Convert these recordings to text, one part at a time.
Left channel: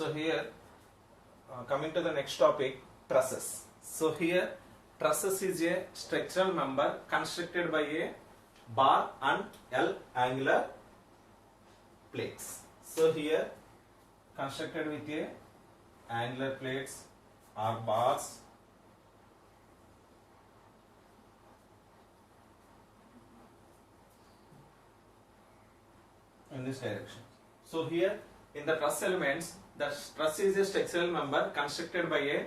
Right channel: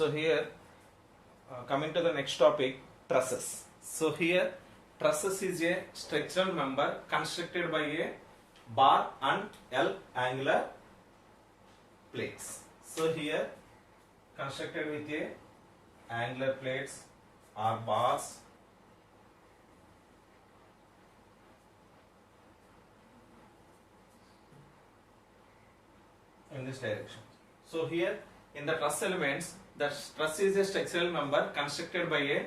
So here, coming to the next topic, trusses. So here, trusses is a structural member constructed by a bar and L angular plates. So here, constructed with a angular plates or bars in this direction. So here in the truss elements, the truss is a structural member constructed by a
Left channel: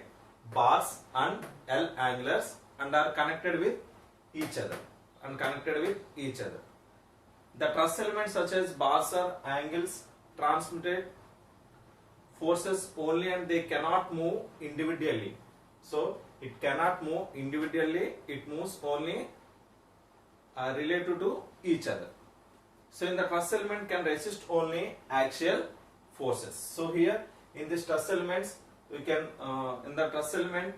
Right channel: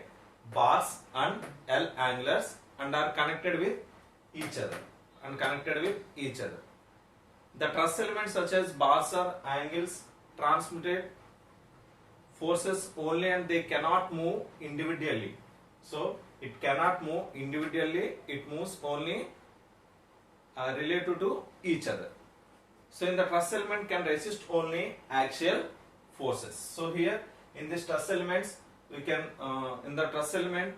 bars and L angulars and are connected with each other. The truss elements such as bars or angles transmitted forces only and they cannot move individually. So it cannot move individually, it moves only related to each other. So in the truss element can resist only axial forces. So here in this truss elements we can in the truss element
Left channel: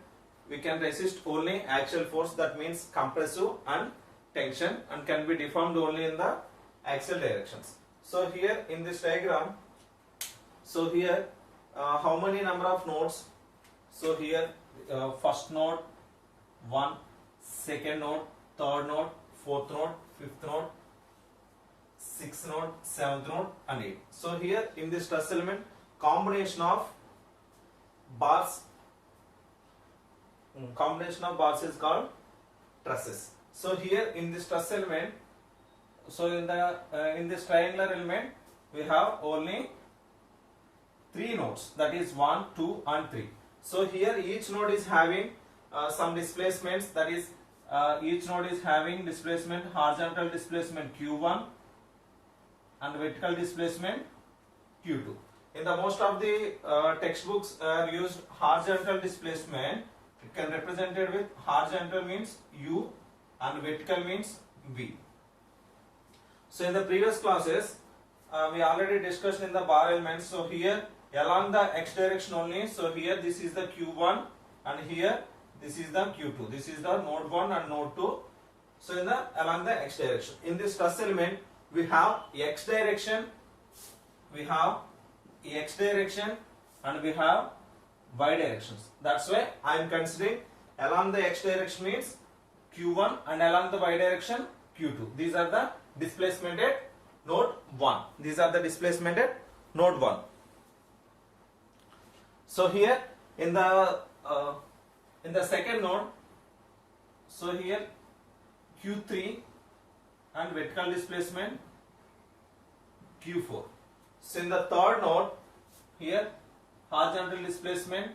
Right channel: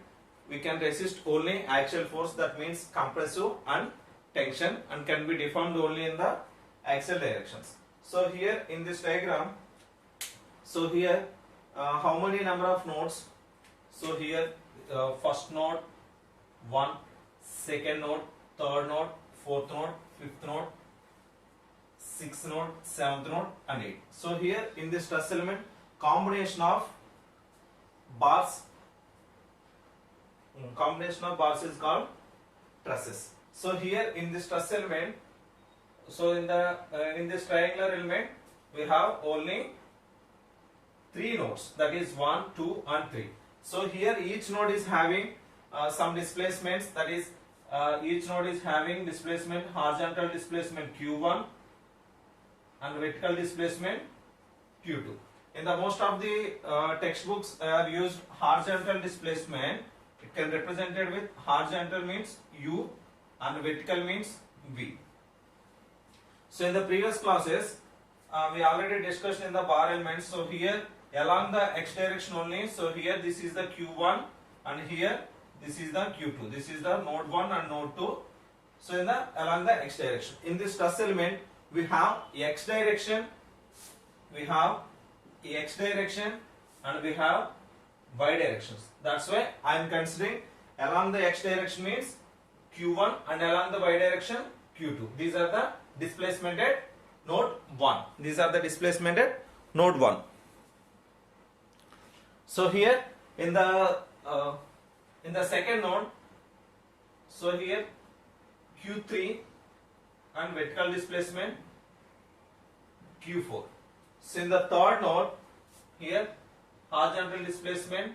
we can resist only axial force, that means compressive and tension, and can be deformed only in the axial directions. So here in this diagram, so here how many number of nodes? So here first node 1, second node, third node, fourth node, fifth node, sixth node, seventh node and 8. So here in this truss element, combination of bars is called trusses. So here in this truss element, so in this triangular element we have only 3 nodes, that is 1, 2 and 3. So here each node is having some displacements, that is each node is having displacement, horizontal displacement Q1 and vertical displacement Q2. In the most of the textbooks are used horizontal displacement. It can represented with horizontal means U and vertical means V. So in the previous classes we already discussed in the bar elements. So here along the x direction only. So here this is the Q1 and here this is the Q2. This is the node 1 and node 2. So in the along the x direction. In this truss element we have x direction, and we have y directions. That's why I am considering along the x direction means Q1 and along the y direction Q2. These are the displacement at node 1. So here in the second node, so here Q3 and vertical displacement Q4. So in the third node, here horizontal displacement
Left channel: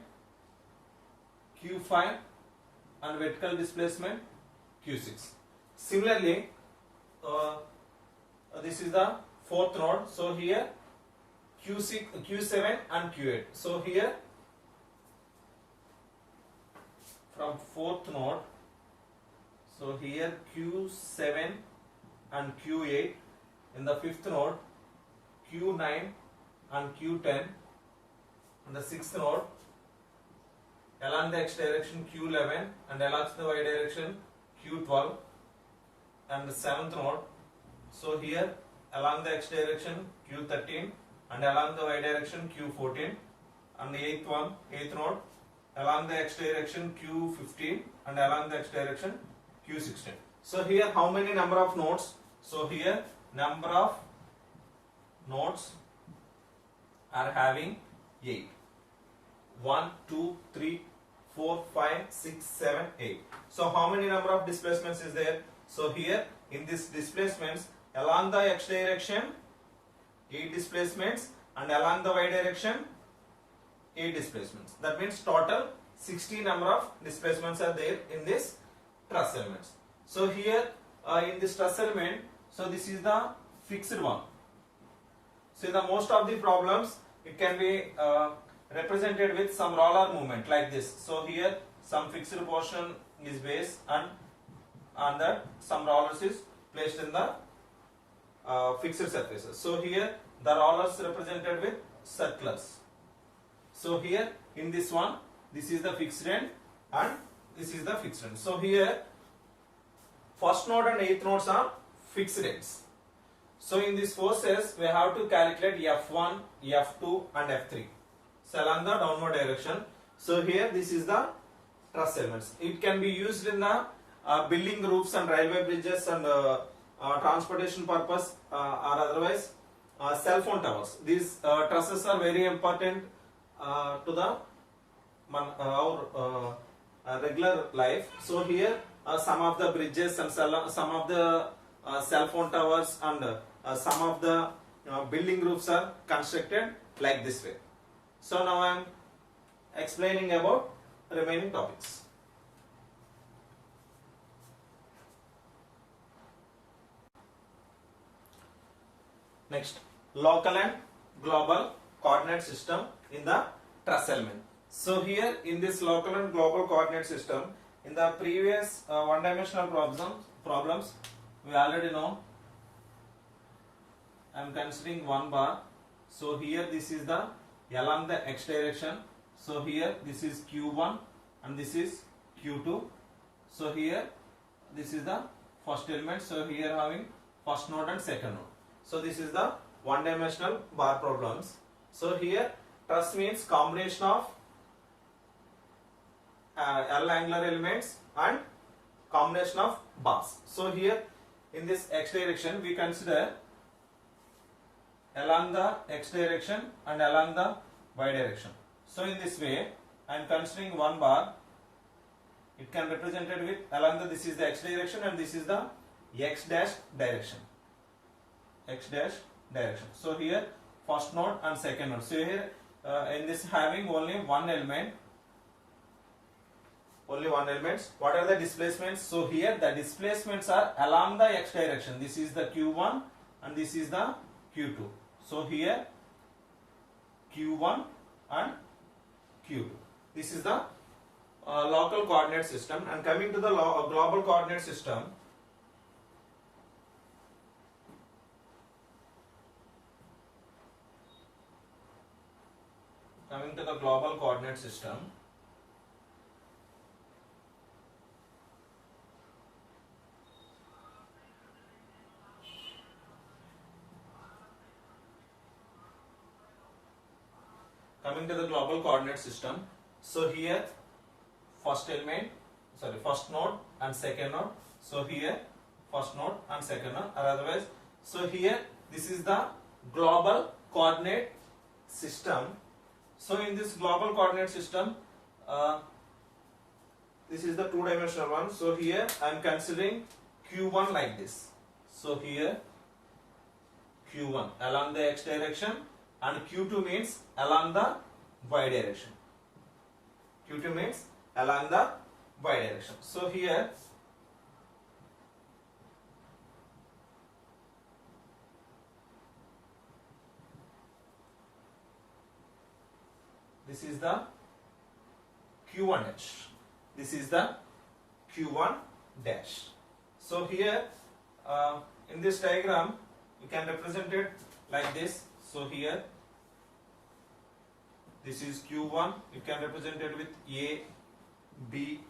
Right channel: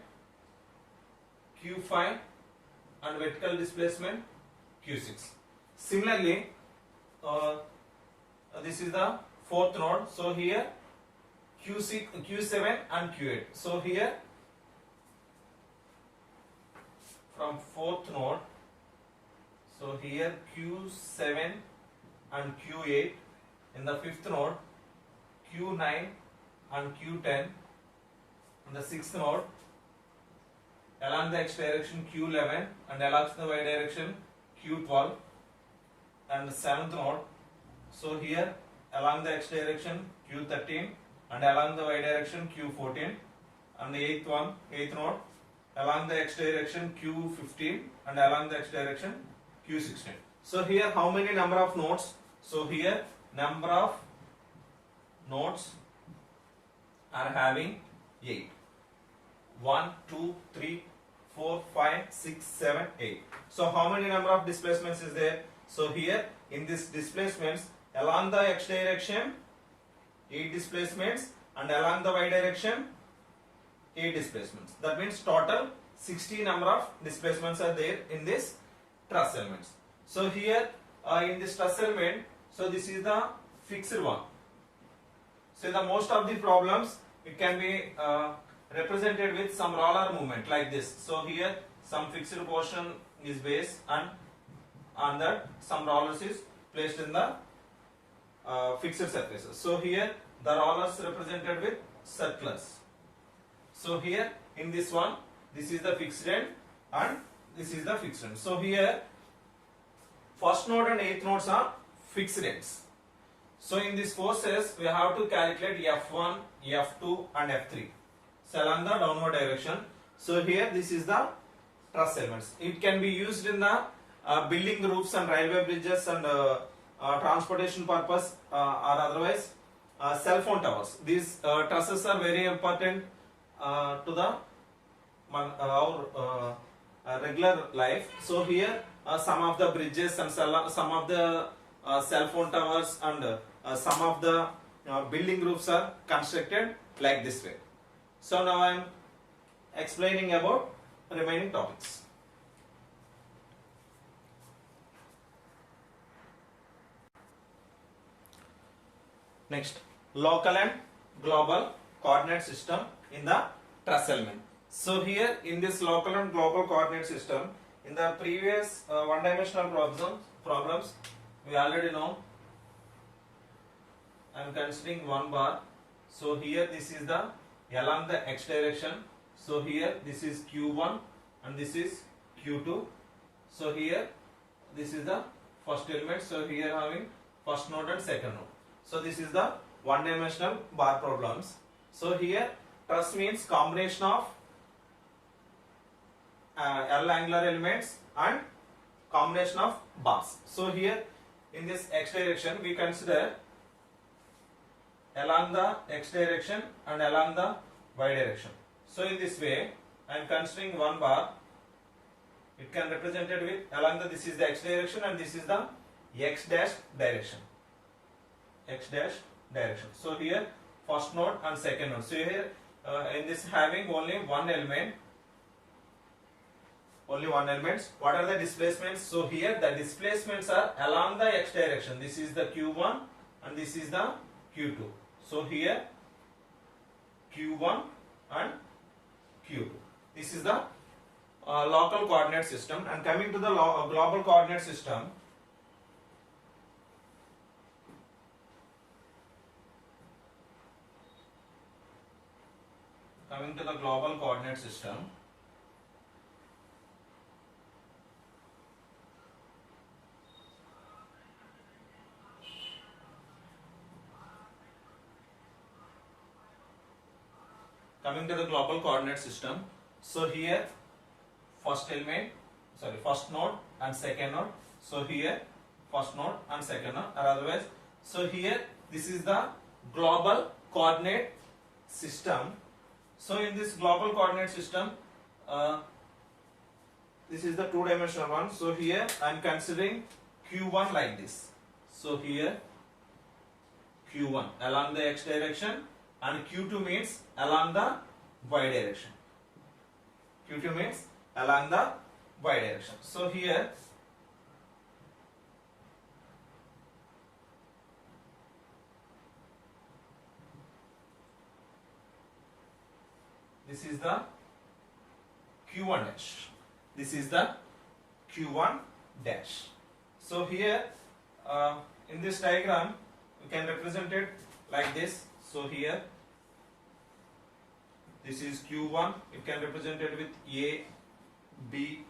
Q5 and vertical displacement Q6. Similarly, this is the fourth node. So here Q6, Q7 and Q8. So here from fourth node, so here Q7 and Q8. In the fifth node, Q9 and Q10. In the sixth node, along the x direction Q11 and along the y direction Q12. And the seventh node, so here along the x direction Q13 and along the y direction Q14. And the eighth node, along the x direction Q15 and along the x direction Q16. So here how many number of nodes? So here number of nodes are having 8. 1, 2, 3, 4, 5, 6, 7, 8. So how many number of displacements is there? So here in this displacements along the x direction 8 displacements and along the y direction 8 displacements. That means total 60 number of displacements are there in this truss elements. So here in this truss element, so this is the fixed one. So in the most of the problems it can be represented with some roller movement like this. So here some fixed portion is base and on that some rollers is placed in the fixed surfaces. So here the rollers represented with circlers. So here in this one, this is the fixed end and this is the fixed end. So here first node and eighth nodes are fixed ends. So in these forces we have to calculate F1, F2 and F3. So along the downward direction. So here this is the truss elements. It can be used in the building roofs and railway bridges and transportation purpose or otherwise cell phone towers. These trusses are very important to the our regular life. So here some of the bridges and some of the cell phone towers and some of the building roofs are constructed like this way. So now I am explaining about remaining topics. Next, local and global coordinate system in the truss element. So here in this local and global coordinate system, in the previous one-dimensional problems, we already know. I am considering one bar. So here this is the along the x direction. So here this is q1 and this is q2. So here this is the first element. So here having first node and second node. So this is the one-dimensional bar problems. So here truss means combination of L angular elements and combination of bars. So here in this x direction we consider along the x direction and along the y direction. So in this way I am considering one bar. It can be represented with along the this is the x direction and this is the x dash direction. X dash direction. So here first node and second node. So here in this having only one element. Only one element. What are the displacements? So here the displacements are along the x direction. This is the q1 and this is the q2. So here q1 and q2. This is the local coordinate system. And coming to the global coordinate system, coming to the global coordinate system, coming to the global coordinate system, so here first node and second node. So here first node and second node, or otherwise, so here this is the global coordinate system. So in this global coordinate system, this is the two-dimensional one. So here I am considering q1 like this. So here q1 along the x direction and q2 means along the y direction. q2 means along the y direction. So here this is the q1 dash. This is the q1 dash. So here in this diagram we can represent it like this. So here this is q1. You can represent it with a, b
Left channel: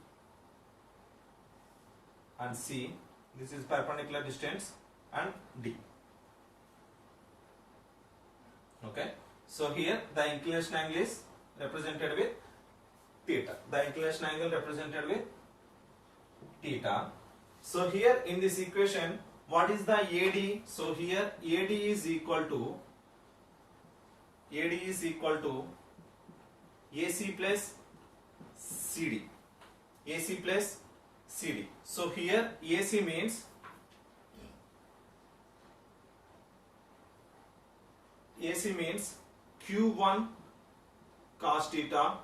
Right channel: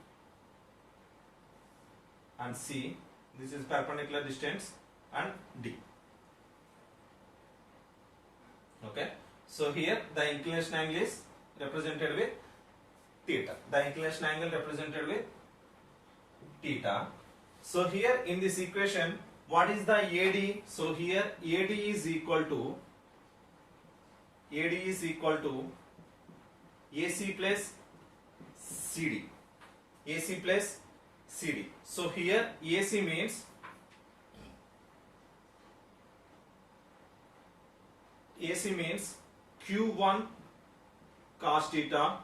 and c. This is perpendicular distance and d. Okay. So here the inclination angle is represented with theta. The inclination angle represented with theta. So here in this equation, what is the AD? So here AD is equal to AC plus CD. AC plus CD. So here AC means Q1 cos theta,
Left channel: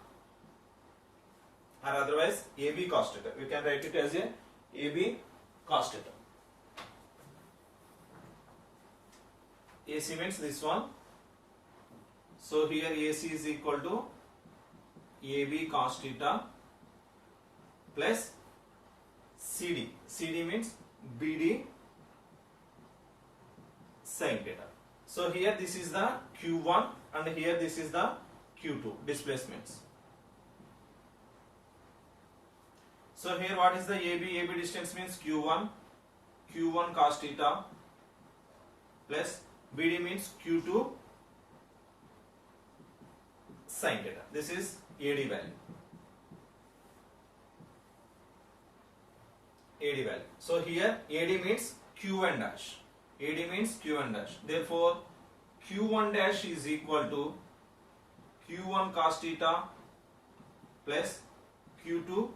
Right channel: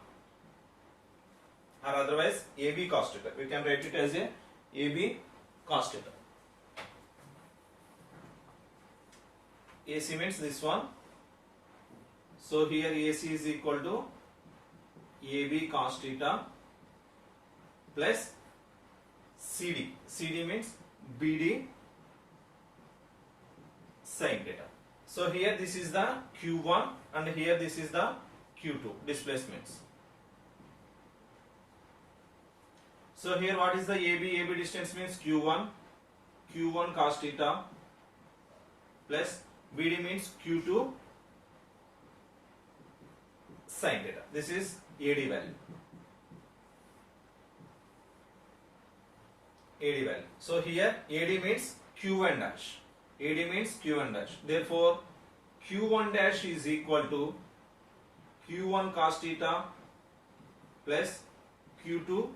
or otherwise AB cos theta. We can write it as a AB cos theta. AC means this one. So here AC is equal to AB cos theta plus CD. CD means BD sin theta. So here this is the Q1 and here this is the Q2 displacements. So here what is the AB? AB distance means Q1 cos theta plus BD means Q2 sin theta. this is AD value. AD value. So here AD means Q1 dash. AD means Q1 dash. Therefore, Q1 dash is equal to Q1 cos theta plus Q2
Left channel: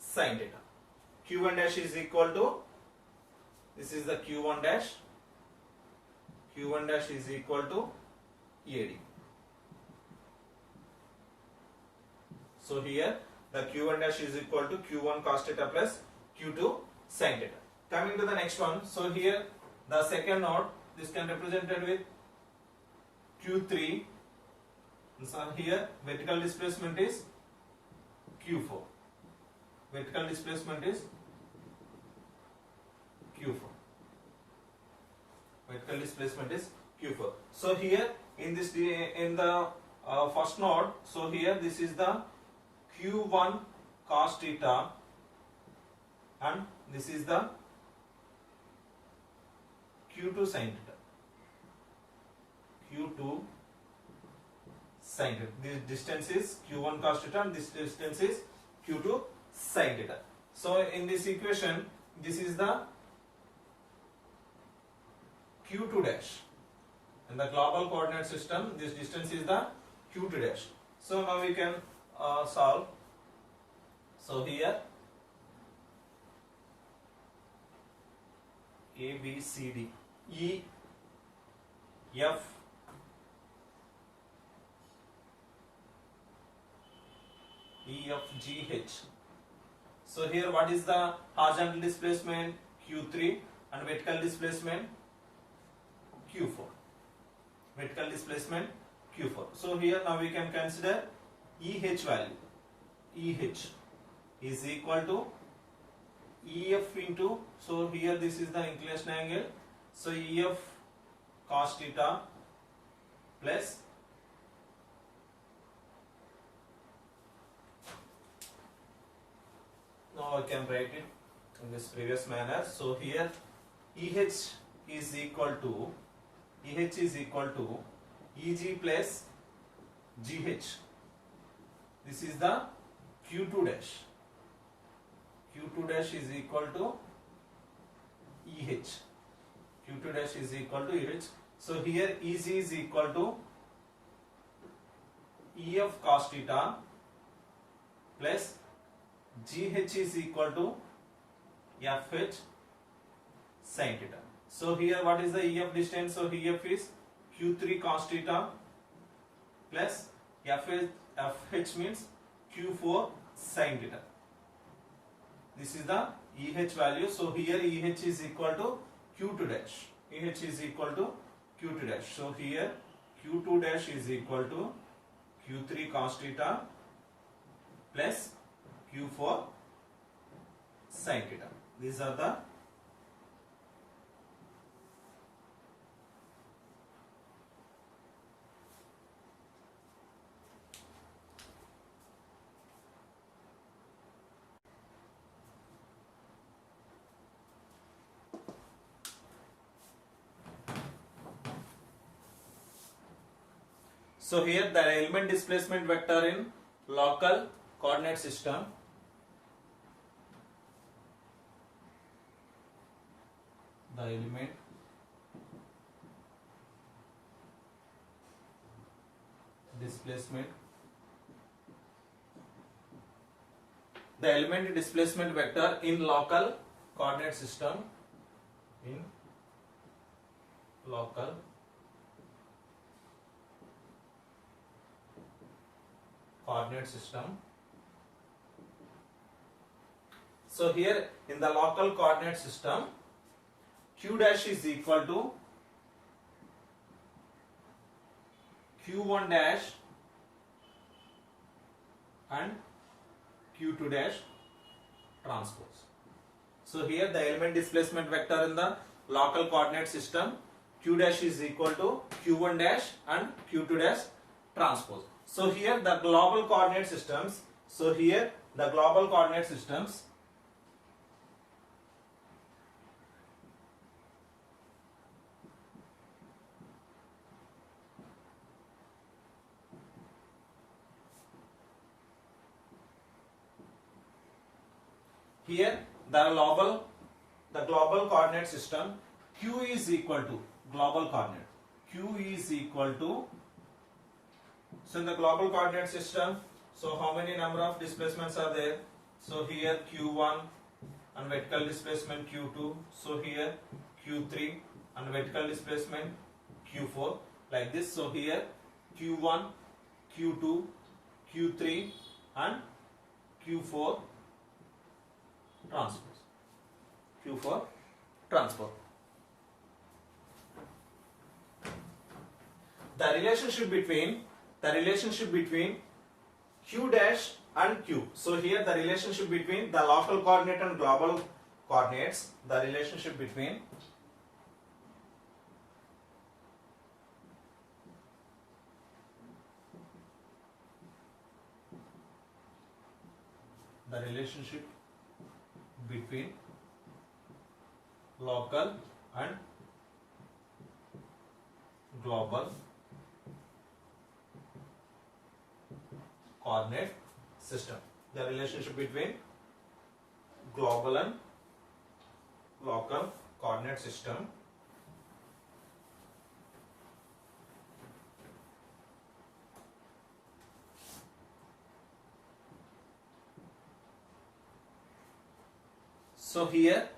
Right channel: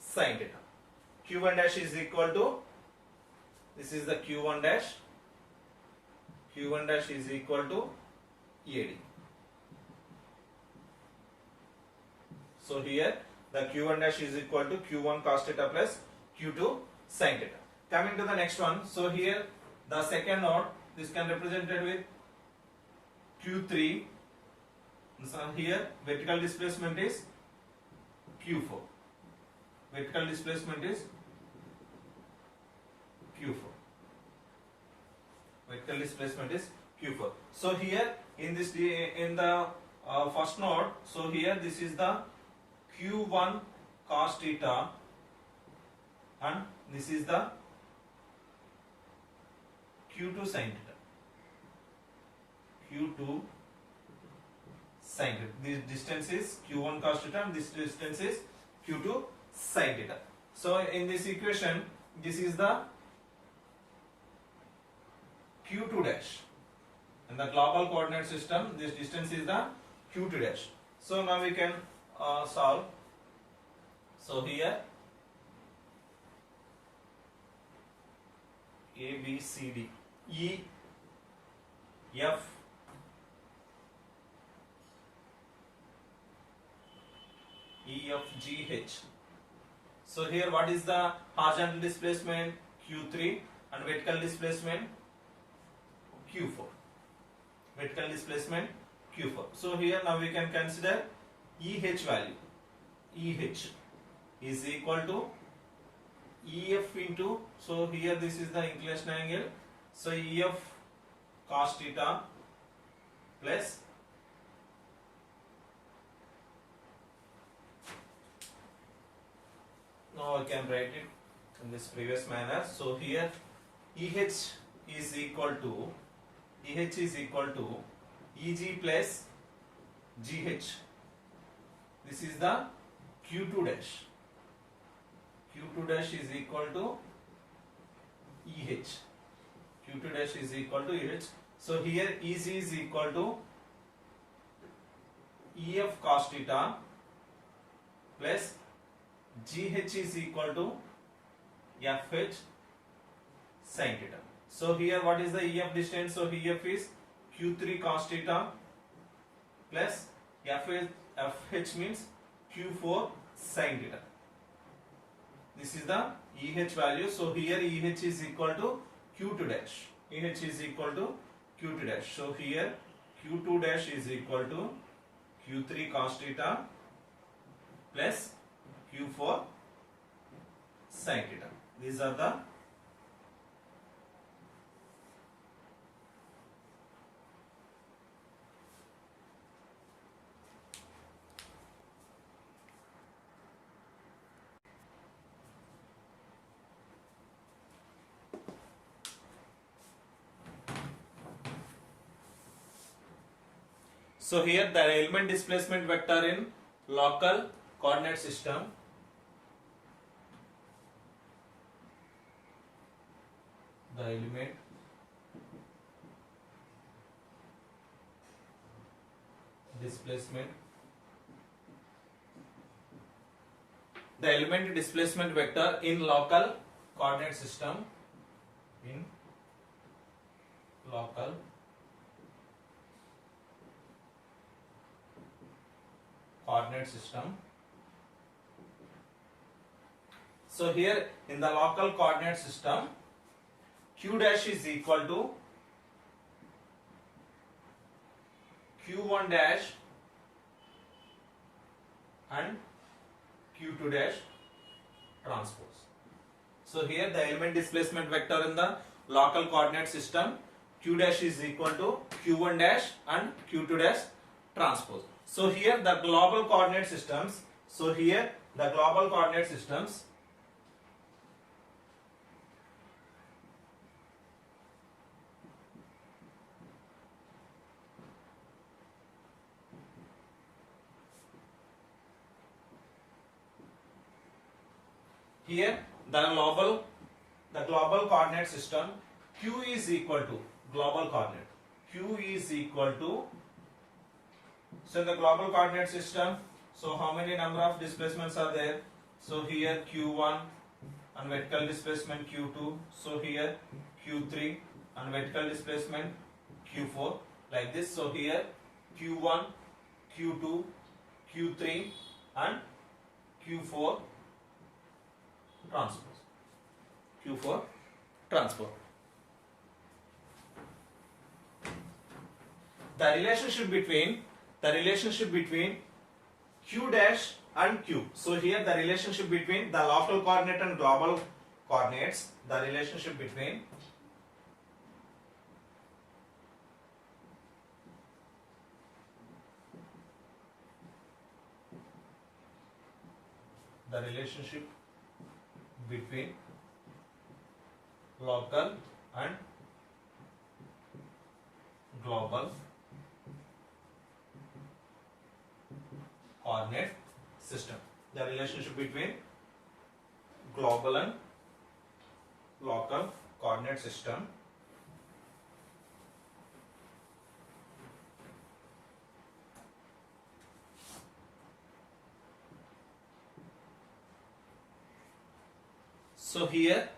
sin theta. Q1 dash is equal to, this is the Q1 dash. Q1 dash is equal to AD. So here the Q1 dash is equal to Q1 cos theta plus Q2 sin theta. Coming to the next one. So here the second node, this can represented with Q3. So here vertical displacement is Q4. Vertical displacement is Q4. Vertical displacement is Q4. So here in this, in the first node, so here this is the Q1 cos theta and this is the Q2 sin theta. Q2 sin theta. This distance is Q1 cos theta and this distance is Q2 sin theta. So in this equation, this is the Q2 dash. In the global coordinate system, this distance is the Q2 dash. So now we can solve. So here A, B, C, D, E, F, E, F, G, H. So here what is the horizontal displacement? Q3 and vertical displacement Q4. Vertical displacement Q4. So here now we can consider EH value. EH is equal to EF into, so here this is the inclination angle. So EF cos theta plus now I can write it in this previous manner. So here EH is equal to EG plus GH. This is the Q2 dash. Q2 dash is equal to EH. Q2 dash is equal to EH. So here EG is equal to EF cos theta plus GH is equal to FH sin theta. So here what is the EF distance? So EF is Q3 cos theta plus FH means Q4 sin theta. This is the EH value. So here EH is equal to Q2 dash. EH is equal to Q2 dash. So here Q2 dash is equal to Q3 cos theta plus Q4 sin theta. These are the So here the element displacement vector in local coordinate system. The element displacement. The element displacement vector in local coordinate system. In local coordinate system. So here in the local coordinate system, Q dash is equal to Q1 dash and Q2 dash transpose. So here the element displacement vector in the local coordinate system, Q dash is equal to Q1 dash and Q2 dash transpose. So here the global coordinate systems. So here the global coordinate systems. here the global coordinate system q is equal to global coordinate. Q is equal to, so in the global coordinate system, so how many number of displacements are there? So here q1 and vertical displacement q2. So here q3 and vertical displacement q4, like this. So here q1, q2, q3 and q4 transpose. Q4 transpose. The relationship between q dash and q. So here the relationship between the local coordinate and global coordinates, the relationship between local and global coordinate system. The relationship between global and local coordinate system. So here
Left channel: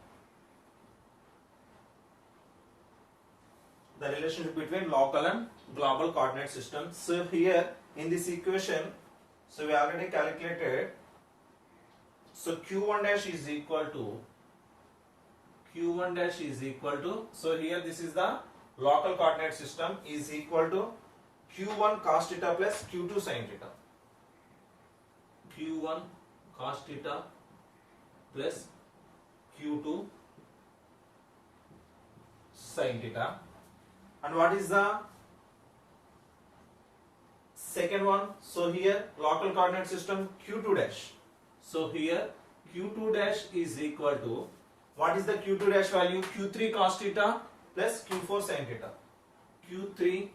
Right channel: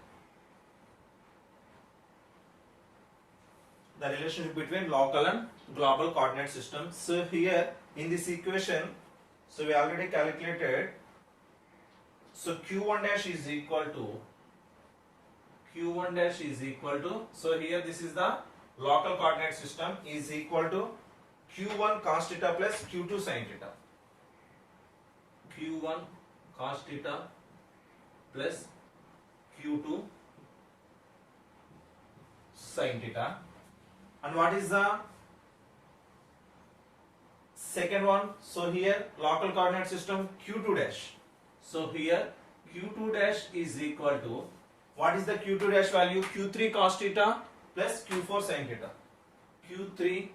the relationship between local and global coordinate system. So here in this equation, so we already calculated. So q1 dash is equal to so here this is the local coordinate system is equal to q1 cos theta plus q2 sin theta. q1 cos theta plus q2 sin theta. And what is the second one? So here local coordinate system q2 dash. So here q2 dash is equal to, what is the q2 dash value? q3 cos theta plus q4 sin theta. q3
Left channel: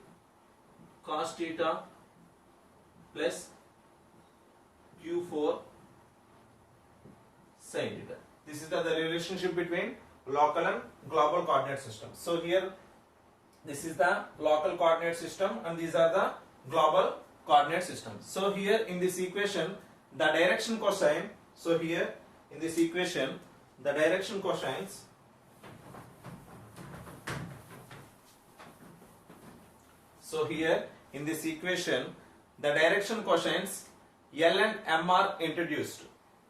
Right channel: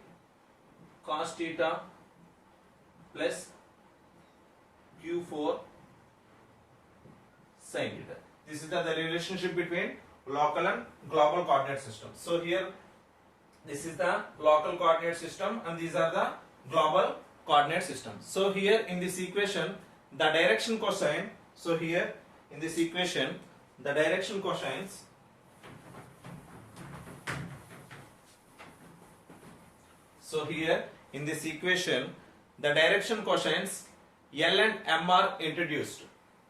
cos theta plus q4 sin theta. This is the relationship between local and global coordinate system. So here this is the local coordinate system and these are the global coordinate system. So here in this equation the direction cosine, so here in this equation the direction cosines L and M are introduced.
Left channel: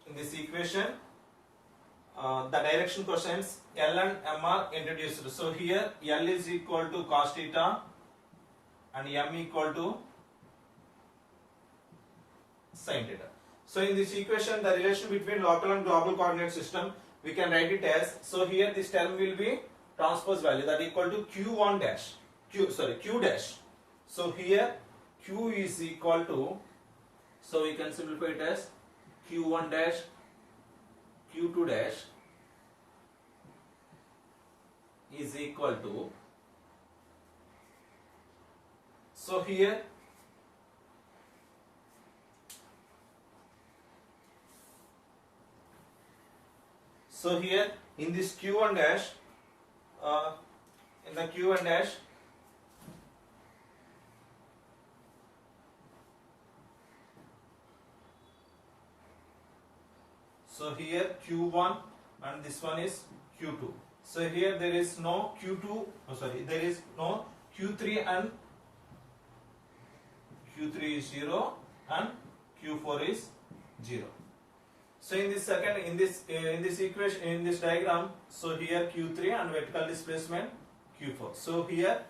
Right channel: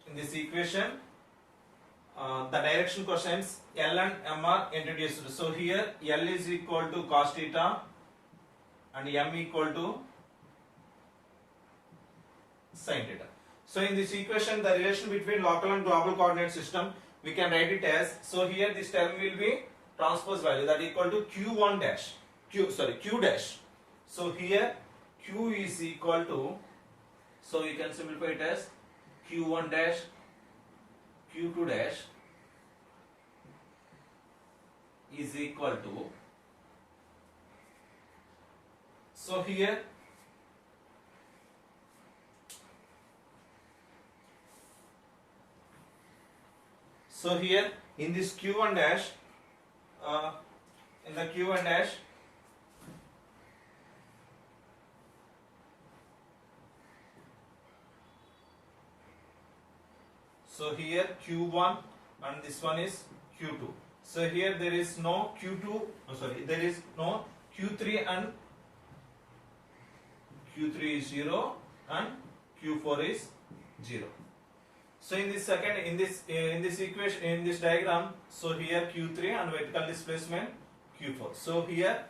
In this equation the direction cosines L and M are introduced. So here L is equal to cos theta and M equal to sin theta. So in this equation the relation between local and global coordinate system we can write it as, so here this term will be transpose value, that equal to q1 dash q dash. So here q is equal to, so we can simplify it as q1 dash q2 dash is equal to, so here in this q1 dash in the q1 dash so here q1 and this one is q2. So here there is no q2, there is no q3 and q3 is 0 and q4 is 0. So in this equation, in this diagram, so here q3 and vertical displacement q4. So here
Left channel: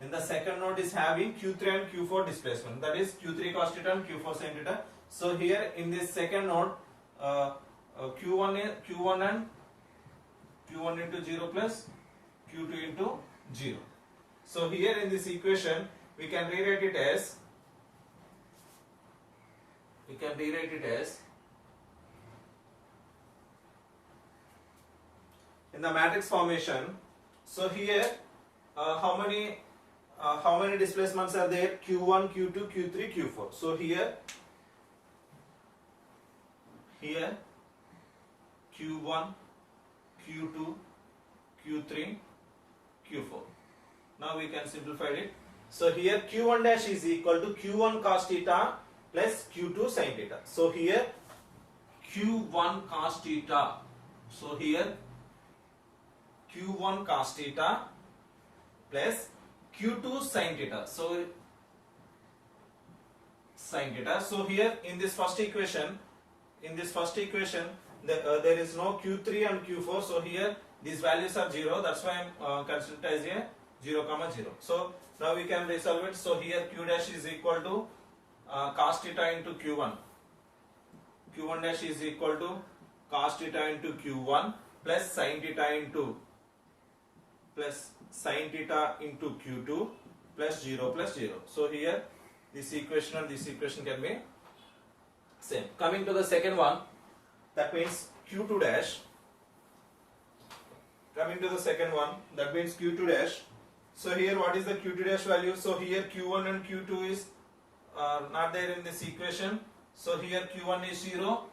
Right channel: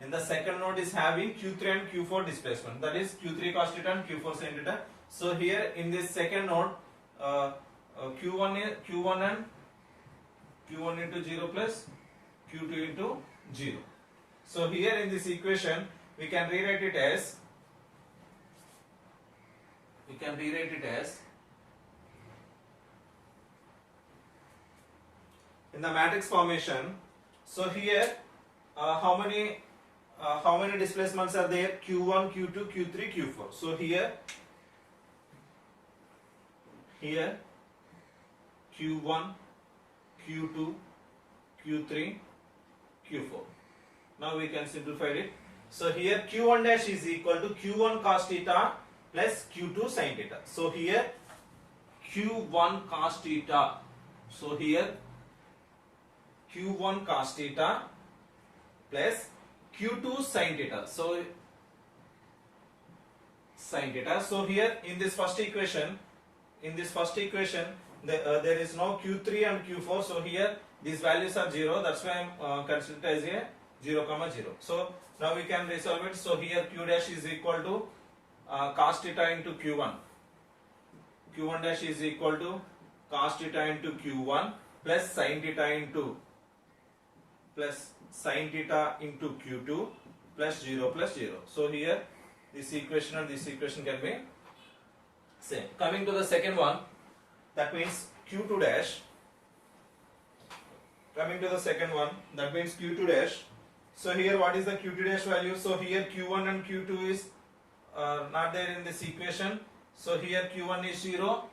in the second node is having q3 and q4 displacement, that is q3 cos theta and q4 sin theta. So here in this second node q1 and q1 into 0 plus q2 into 0. So here in this equation we can rewrite it as in the matrix formation. So here how many displacements are there? q1, q2, q3, q4. So here Q1, Q2, Q3, Q4. Now we can simplify it. So here Q1 dash is equal to Q1 cos theta plus Q2 sin theta. So here Q1 cos theta. So here Q1 cos theta plus Q2 sin theta. So sin theta. So here in this first equation, there is no Q3 and Q4. So here these values are 0. That's why I am considered as a 0, 0. So now we can resolve it. So here Q dash is equal to cos theta into Q1. Q1 dash is equal to cos theta into Q1 plus sin theta into Q2 plus 0 plus 0. So here this equation and this equation can be same. Coming to the second one, that means Q2 dash. Coming to the second one, that means Q2 dash. So here what is the Q2 dash value? So here Q1 and Q2 is not there in this equation. So here Q1 is 0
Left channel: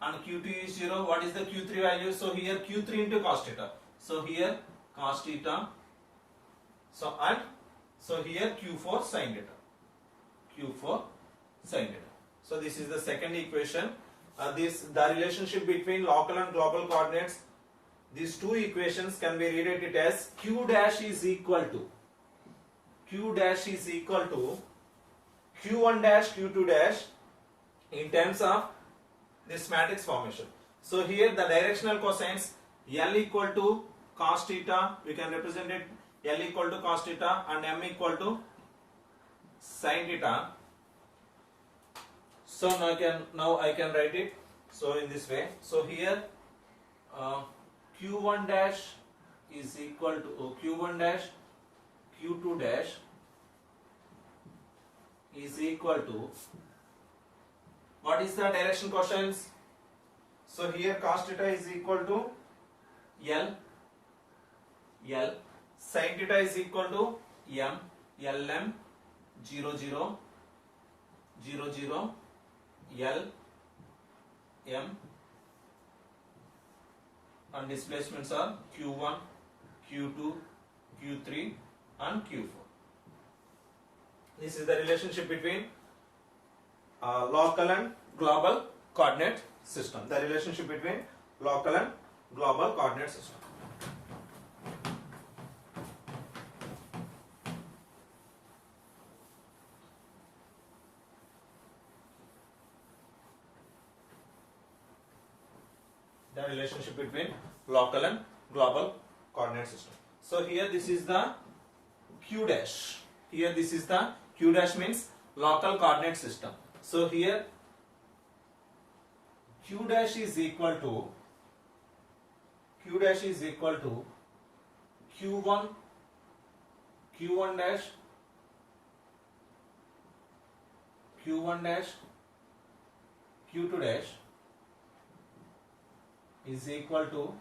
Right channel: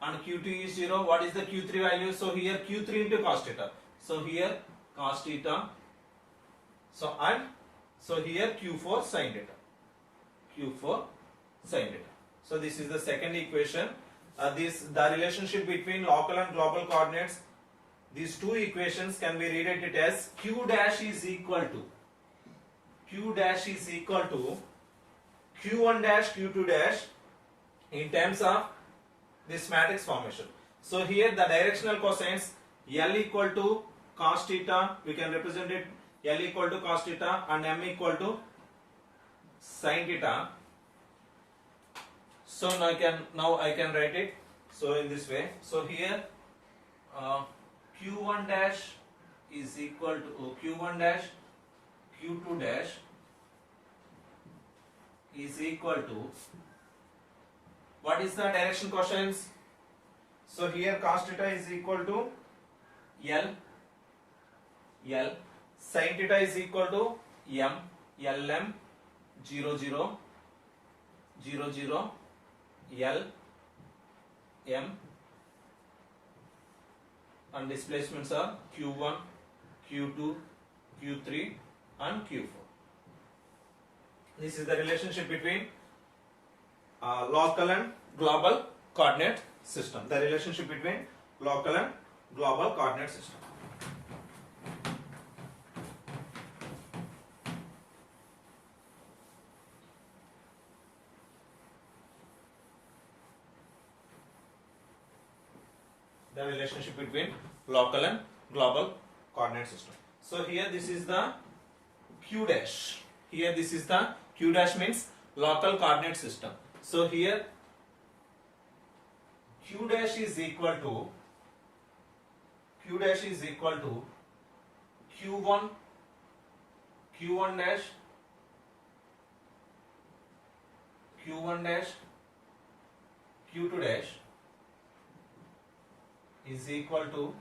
and Q2 is 0. What is the Q3 value? So here Q3 into cos theta. So here cos theta. So here Q4 sin theta. Q4 sin theta. So this is the second equation. The relationship between local and global coordinates. These two equations can be rewritten as Q dash is equal to Q1 dash Q2 dash in terms of this matrix formation. So here the directional cosines L equal to cos theta, we can represent it L equal to cos theta and M equal to sin theta. So now I can write it so in this way. So here Q1 dash is equal to Q1 dash Q2 dash is equal to, what is the direction cosines? So here cos theta is equal to L, sin theta is equal to M, LM, 0, 0, 0, 0, L, M, and displacements are Q1, Q2, Q3 and Q4. This is the relationship between local and global coordinate system. The relationship between local and global coordinate system. The relationship between local and global coordinate system. So here this is the Q dash. Here this is the Q dash means local coordinate system. So here Q dash is equal to Q1 dash Q2 dash is equal to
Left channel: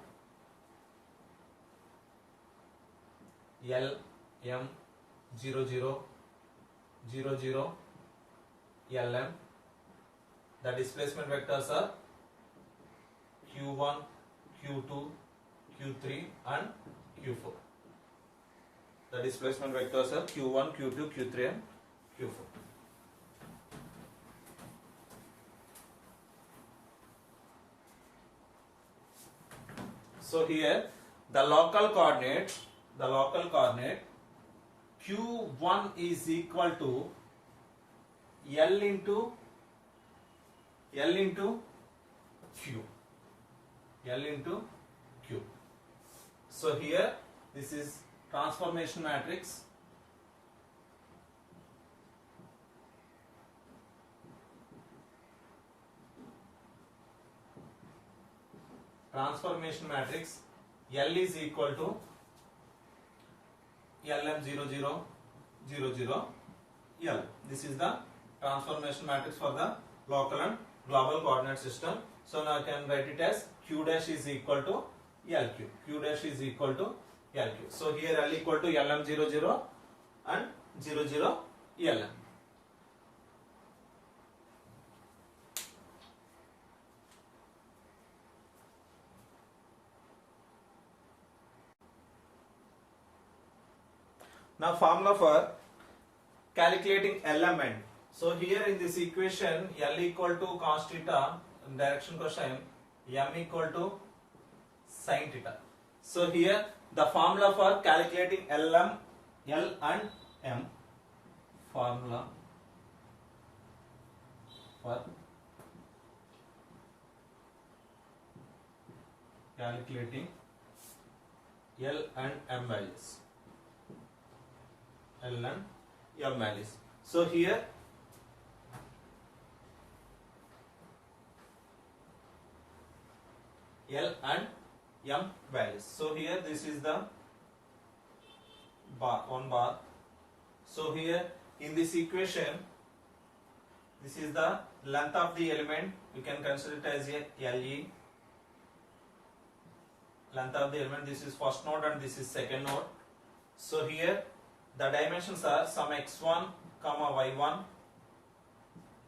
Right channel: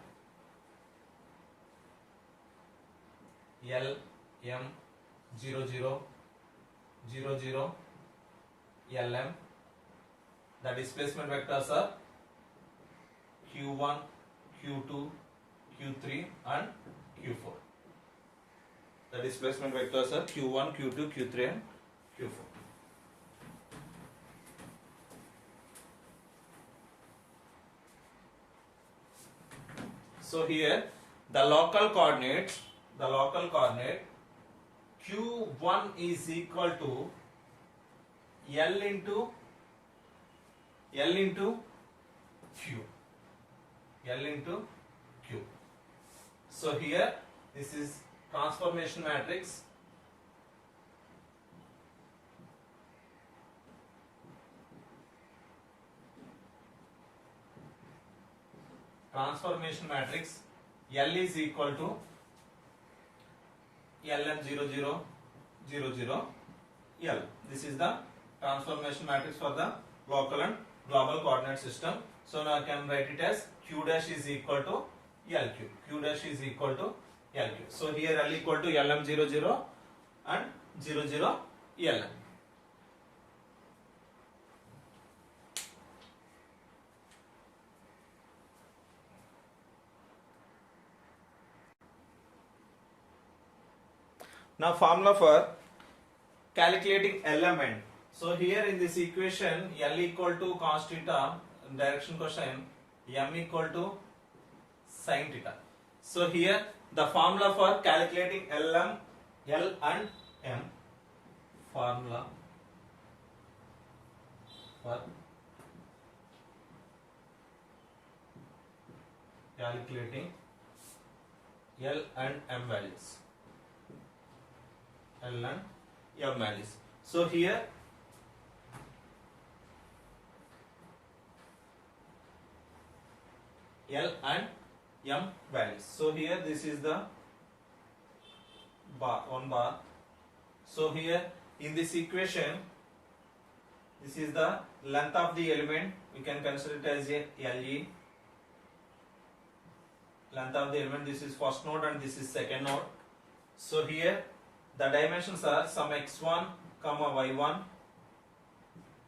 L, M, 0, 0, 0, 0, LM. The displacement vectors are Q1, Q2, Q3 and Q4. The displacement vectors are Q1, Q2, Q3 and Q4. So here the local coordinate Q1 is equal to L into Q. So here this is transformation matrix. Transformation matrix L is equal to LM 0, 0, 0, 0, L. This is the transformation matrix for the local and global coordinate system. So now I can write it as Q dash is equal to LQ. Q dash is equal to LQ. So here L equal to LM 0, 0 and 0, 0, LM. Now formula for calculating element. So here in this equation, L equal to cos theta, direction question, M equal to sin theta. So here the formula for calculating L and M, formula for calculating L and M values. L and M values. So here L and M values. So here this is the bar, one bar. So here in this equation, this is the length of the element. We can consider it as a LE. Length of the element. This is first node and this is second node. So here the dimensions are some x1 comma y1.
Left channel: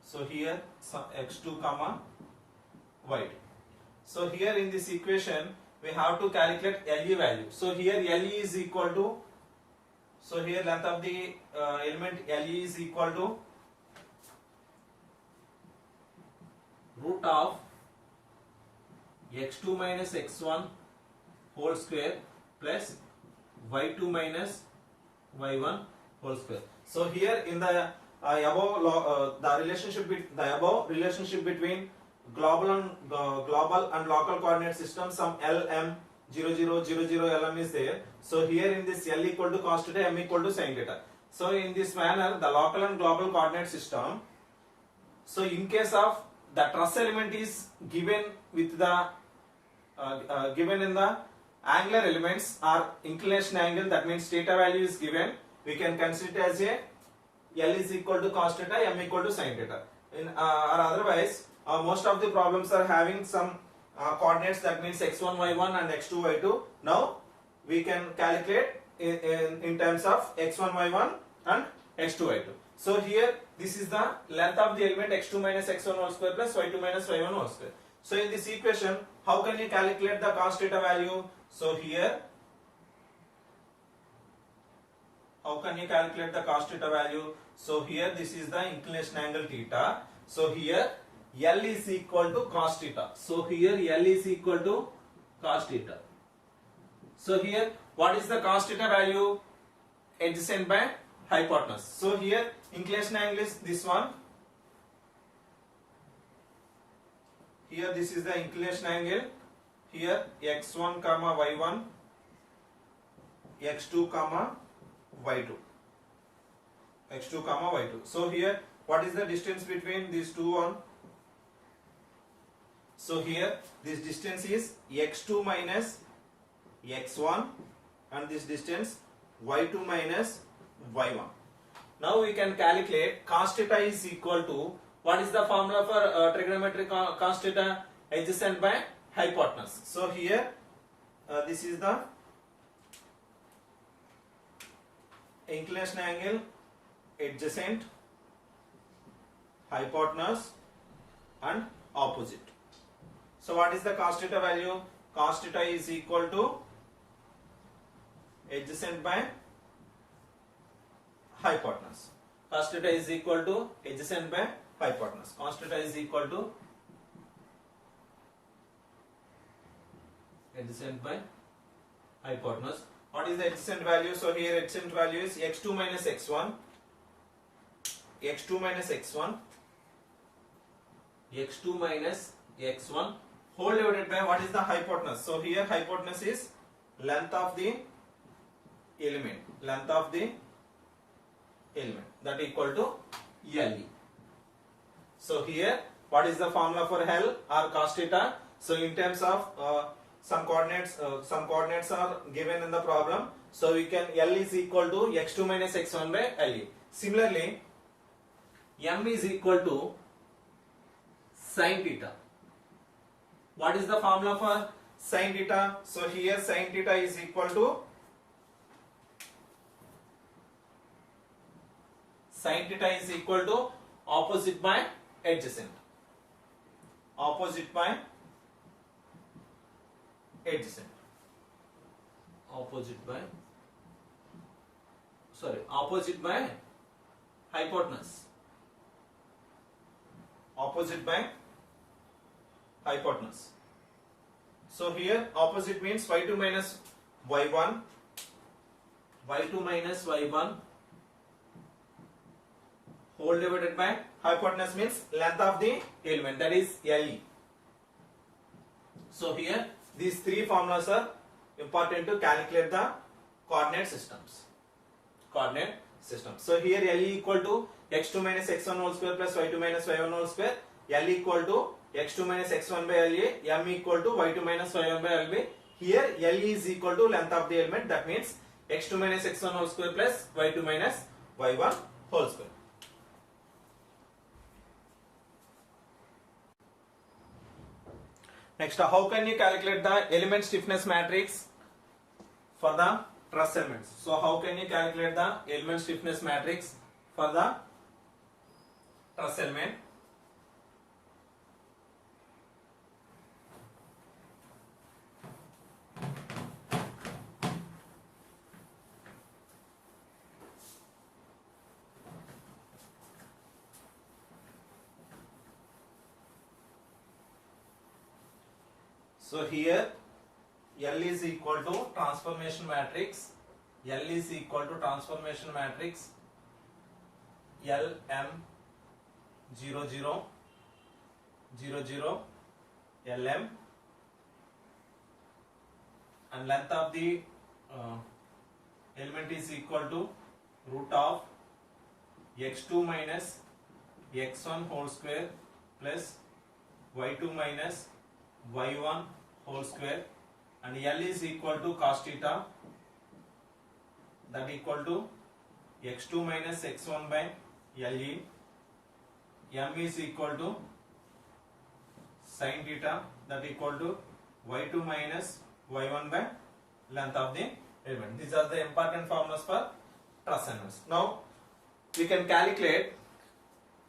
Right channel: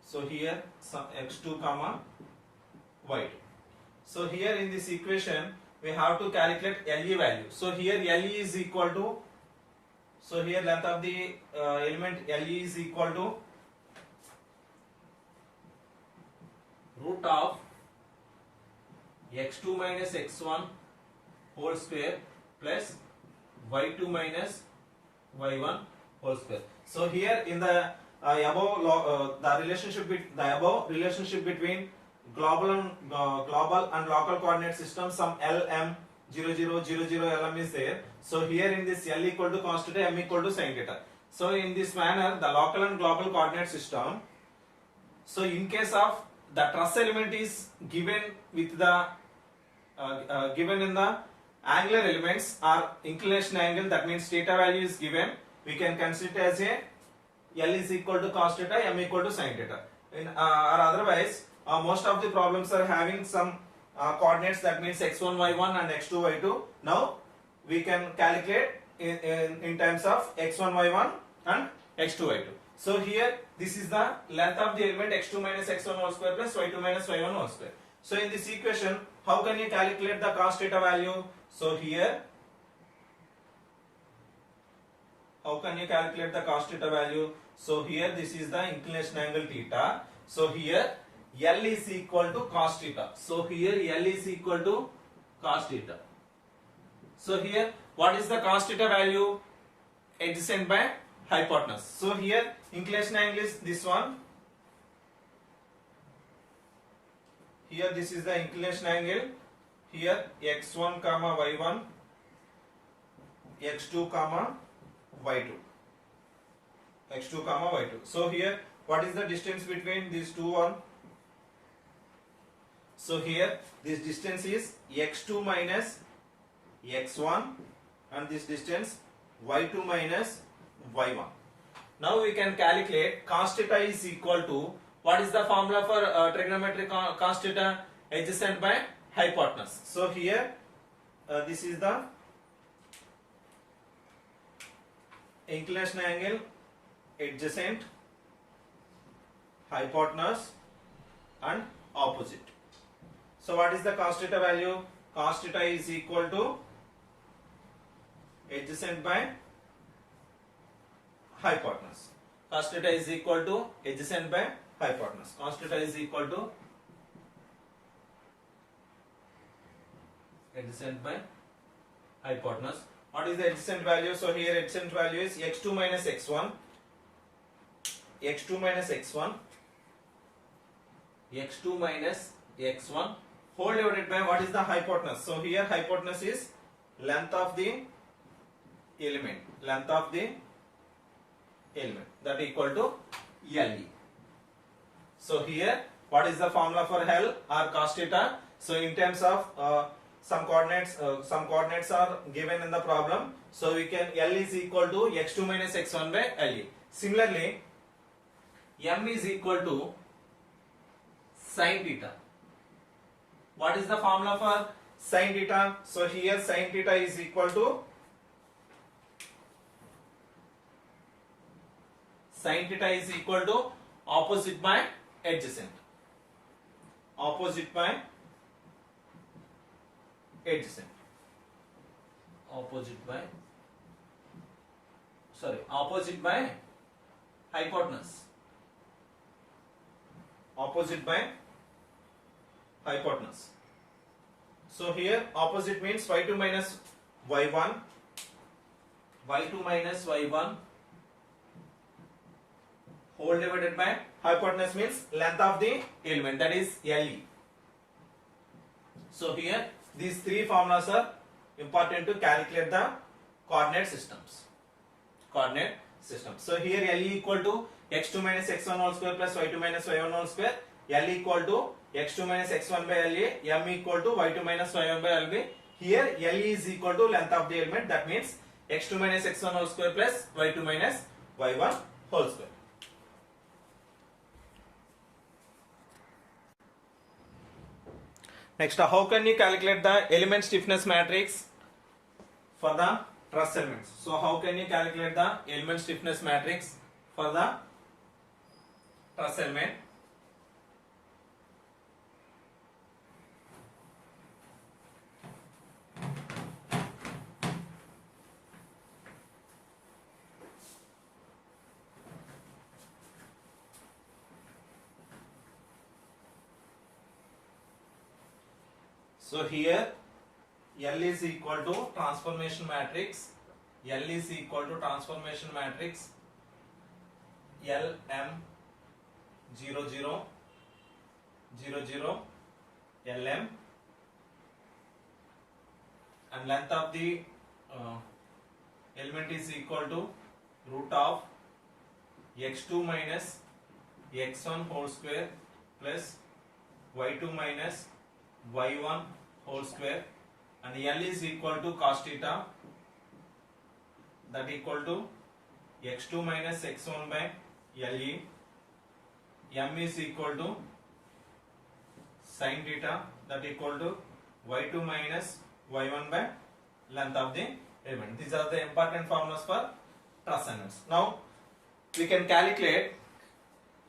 So here some x2 comma y2. So here in this equation we have to calculate LE value. So here LE is equal to, so here length of the element LE is equal to root of x2 minus x1 whole square plus y2 minus y1 whole square. So here in the above the relationship between global and local coordinate system, some LM 0000 LM is there. So here in this L equal to cos theta, M equal to sin theta. So in this manner the local and global coordinate system, so in case of the truss element is given with the given in the angular elements or inclination angle, that means theta value is given, we can consider it as a L is equal to cos theta, M equal to sin theta. In or otherwise most of the problems are having some coordinates, that means x1 y1 and x2 y2. Now we can calculate in terms of x1 y1 and x2 y2. So here this is the length of the element x2 minus x1 whole square plus y2 minus y1 whole square. So in this equation, how can you calculate the cos theta value? So here, how can you calculate the cos theta value? So here this is the inclination angle theta. So here L is equal to cos theta. So here L is equal to cos theta. So here what is the cos theta value? Adjacent by hypotenuse. So here inclination angle is this one. Here this is the inclination angle. Here x1 comma y1, x2 comma y2, x2 comma y2. So here what is the distance between these two one? So here this distance is x2 minus x1 and this distance y2 minus y1. Now we can calculate cos theta is equal to, what is the formula for trigonometric cos theta? Adjacent by hypotenuse. So here this is the inclination angle adjacent, hypotenuse and opposite. So what is the cos theta value? Cos theta is equal to adjacent by hypotenuse. Cos theta is equal to adjacent by hypotenuse. Cos theta is equal to adjacent by hypotenuse. What is the adjacent value? So here adjacent value is x2 minus x1, x2 minus x1, x2 minus x1 whole divided by what is the hypotenuse? So here hypotenuse is length of the element, length of the element, that equal to LE. So here what is the formula for L or cos theta? So in terms of some coordinates are given in the problem. So we can, L is equal to x2 minus x1 by LE. Similarly, M is equal to sin theta. What is the formula for sin theta? So here sin theta is equal to, sin theta is equal to opposite by adjacent. Opposite by adjacent. Opposite by. opposite by hypotenuse. Opposite by hypotenuse. So here opposite means y2 minus y1, y2 minus y1 whole divided by hypotenuse means length of the element, that is Le. So here these three formulas are important to calculate the coordinate systems. So here Le equal to x2 minus x1 whole square plus y2 minus y1 whole square. L equal to x2 minus x1 by La. M equal to y2 minus y1 by Lb. Here Le is equal to length of the element, that means x2 minus x1 whole square plus y2 minus y1 whole square. Next, how can you calculate the element stiffness matrix for the truss elements? So how can you calculate the element stiffness matrix for the truss element? So here L is equal to transformation matrix. L is equal to transformation matrix L M 0 0 0 0 L M, and length of the element is equal to root of x2 minus x1 whole square plus y2 minus y1 whole square, and L is equal to cos theta, that equal to x2 minus x1 by Le. M is equal to sin theta, that equal to y2 minus y1 by length of the element. These are the important formulas for truss elements. Now we can calculate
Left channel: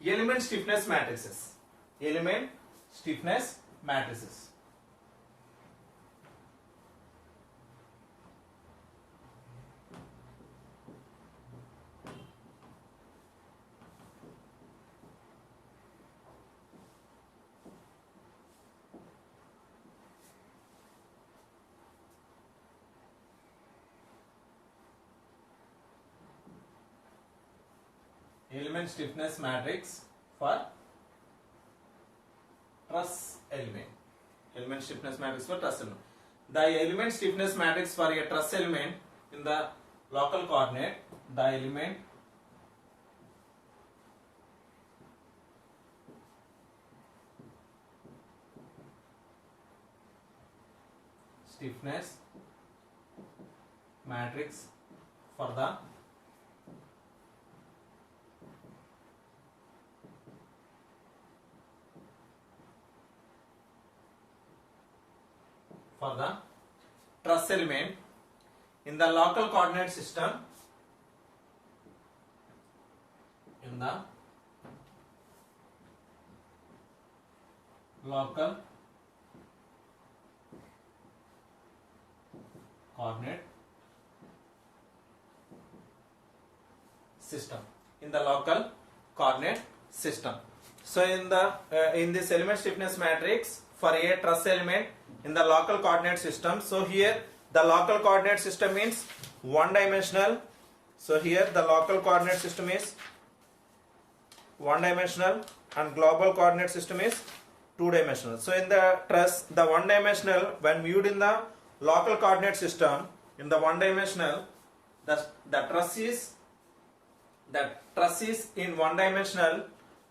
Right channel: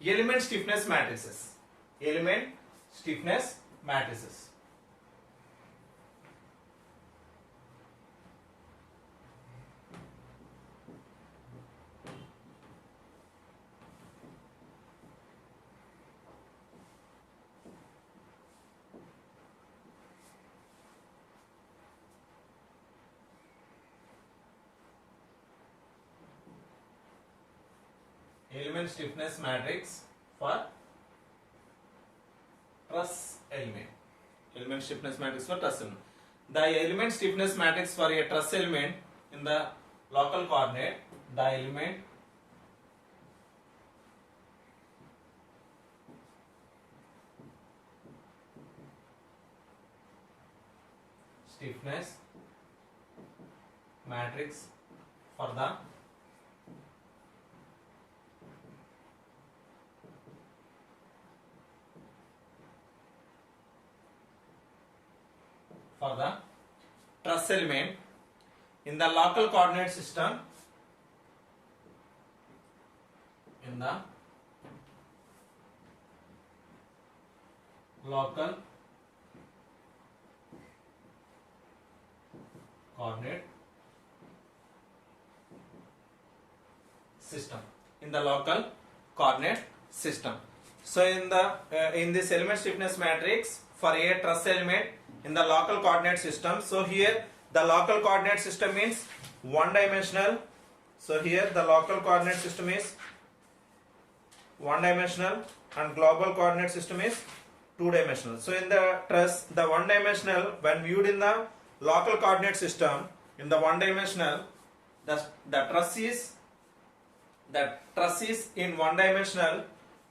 element stiffness matrices. Element stiffness matrices. Element stiffness matrix for truss element. Element stiffness matrix for truss element. The element stiffness matrix for a truss element in the local coordinate, the element stiffness matrix for the truss element in the local coordinate system, in the local coordinate system, in the local coordinate system. So in this element stiffness matrix for a truss element in the local coordinate system, so here the local coordinate system means one dimensional. So here the local coordinate system is one dimensional and global coordinate system is two dimensional. So in the truss, the one dimensional, when viewed in the local coordinate system, in the one dimensional, the truss is in one dimensional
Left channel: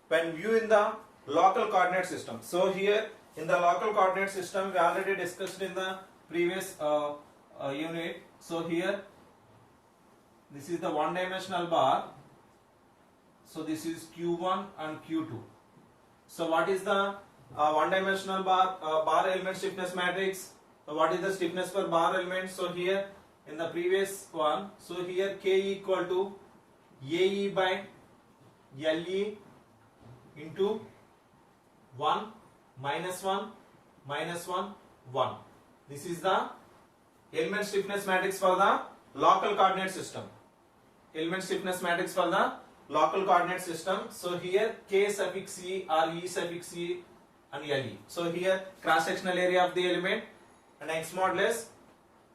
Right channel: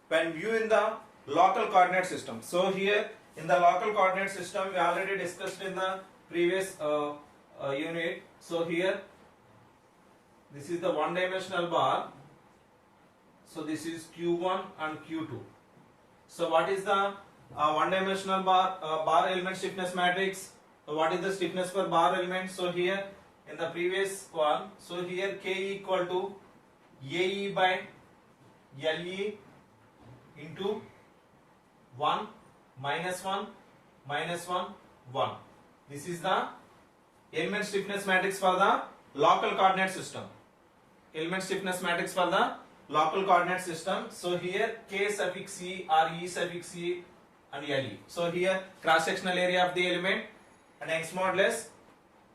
when viewed in the local coordinate system. So here in the local coordinate system, we already discussed in the previous unit. So here this is the one dimensional bar. So this is Q1 and Q2. So what is the one dimensional bar element stiffness matrix? So what is the stiffness for bar element? So here in the previous one, so here K equal to AE by LE into 1 minus 1 minus 1 1. This is the element stiffness matrix for the local coordinate system. element stiffness matrix for the local coordinate system. So here K suffix E or E suffix E and LE. So here cross sectional area of the element and X modulus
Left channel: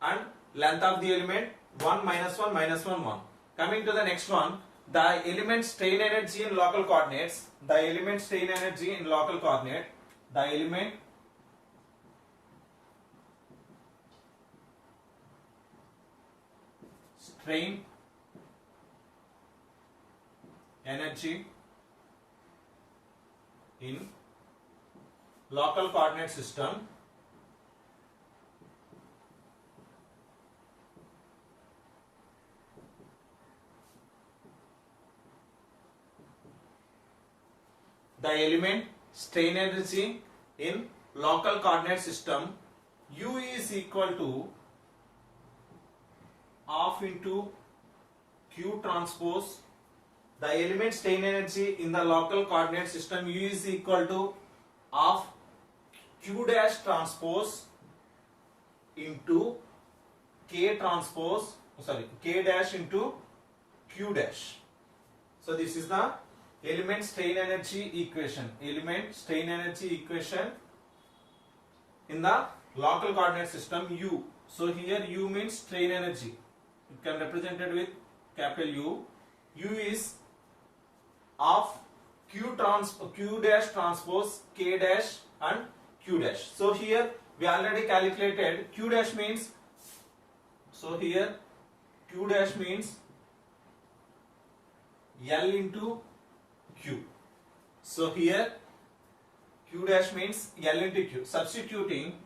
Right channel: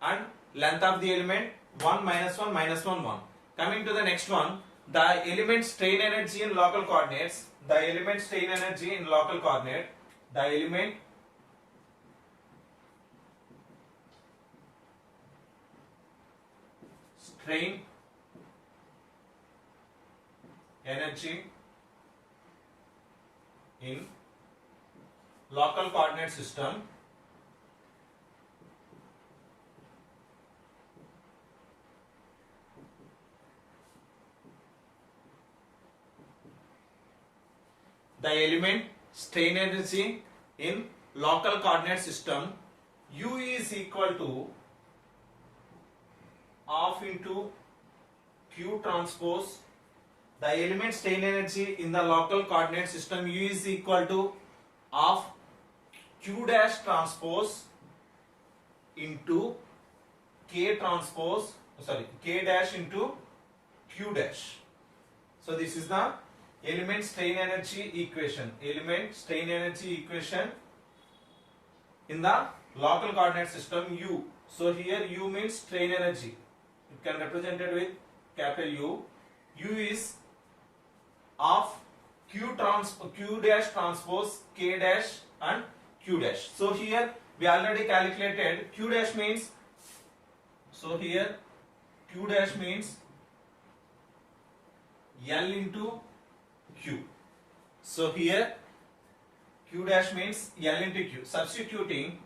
and length of the element 1 minus 1 minus 1 1. Coming to the next one, the element strain energy in local coordinates. The element strain energy in local coordinate. The element strain energy in local coordinate system the element strain energy in local coordinate system U is equal to half into Q transpose. The element strain energy in the local coordinate system U is equal to half Q dash transpose into K transpose, K dash into Q dash. So this is the element strain energy equation. Element strain energy equation in the local coordinate system U. So here U means strain energy. It can represented with capital U. U is of Q dash transpose K dash and Q dash. So here we already calculated Q dash means, so here Q dash means L into Q. So here Q dash means L into Q. Substituting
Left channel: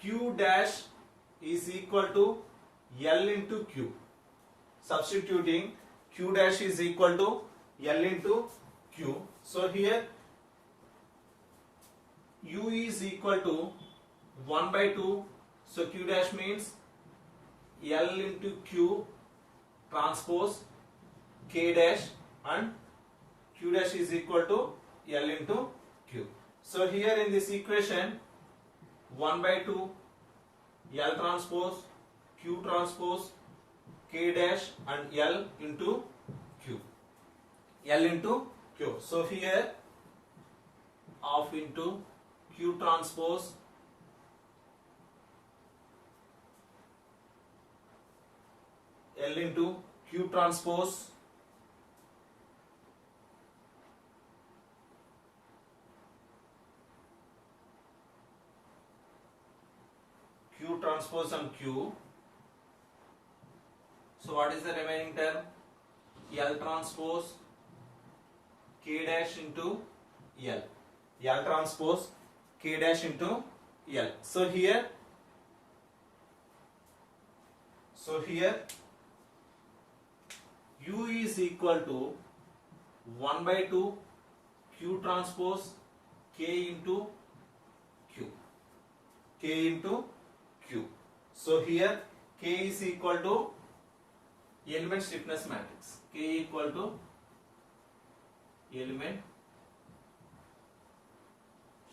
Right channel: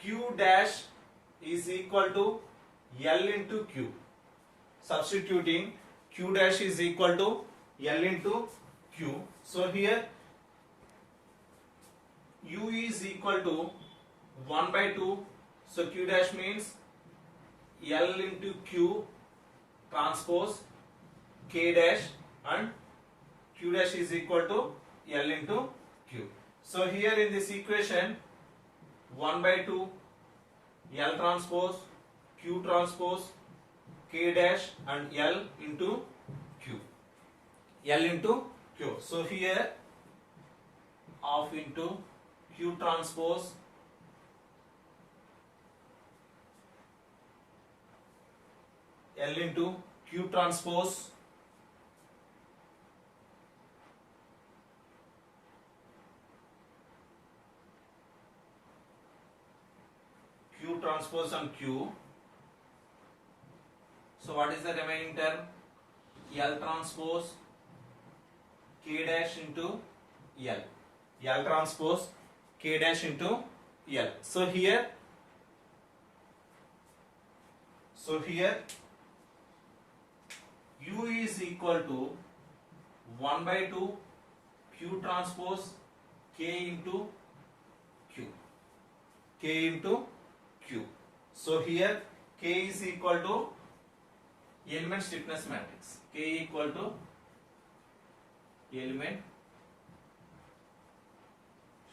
Q dash is equal to L into Q. Substituting Q dash is equal to L into Q. So here U is equal to 1 by 2. So Q dash means L into Q transpose K dash and Q dash is equal to L into Q. So here in this equation 1 by 2 L transpose Q transpose K dash and L into Q. L into Q. So here half into Q transpose L into Q transpose Q transpose and Q. So what is the remaining term? L transpose K dash into L. L transpose K dash into L. So here U is equal to 1 by 2 Q transpose K into Q. K into Q. So here K is equal to element stiffness matrix. K equal to element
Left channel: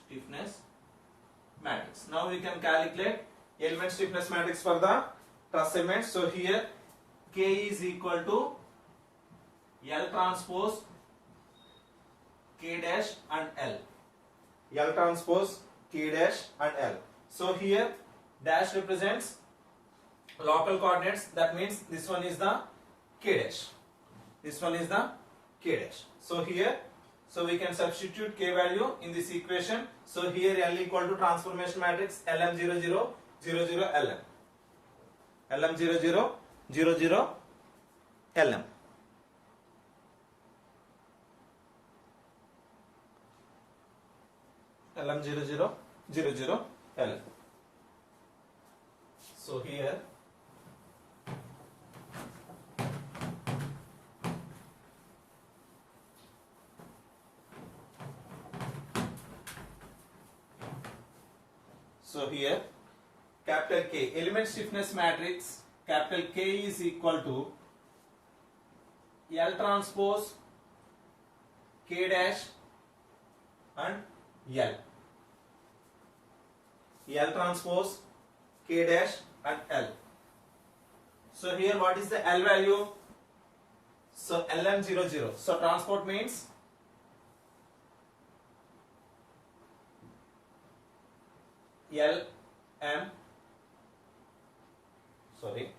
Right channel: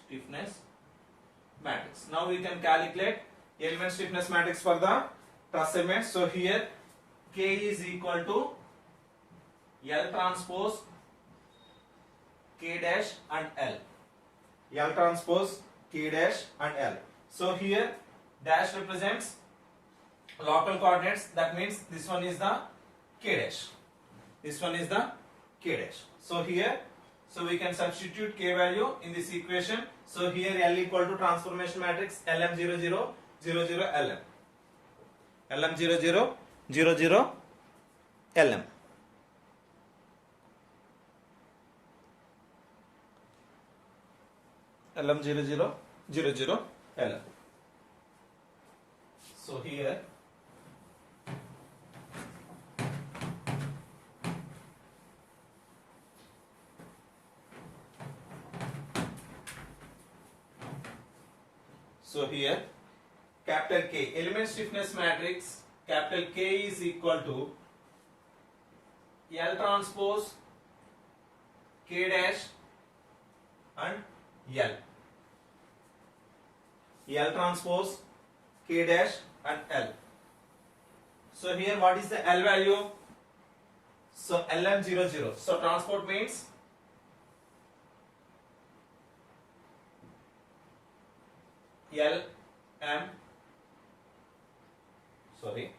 stiffness matrix. Now we can calculate element stiffness matrix for the truss cement. So here K is equal to L transpose K dash and L. L transpose K dash and L. So here dash represents local coordinates. That means this one is the K dash. This one is the K dash. So here, so we can substitute K value in this equation. So here L equal to transformation matrix LM00 00 LM. LM00 00 LM. LM00 00 LM. So here capital K element stiffness matrix capital K is equal to L transpose K dash and L. L transpose K dash and L. So here what is the L value? So LM00. So transport means LM, sorry,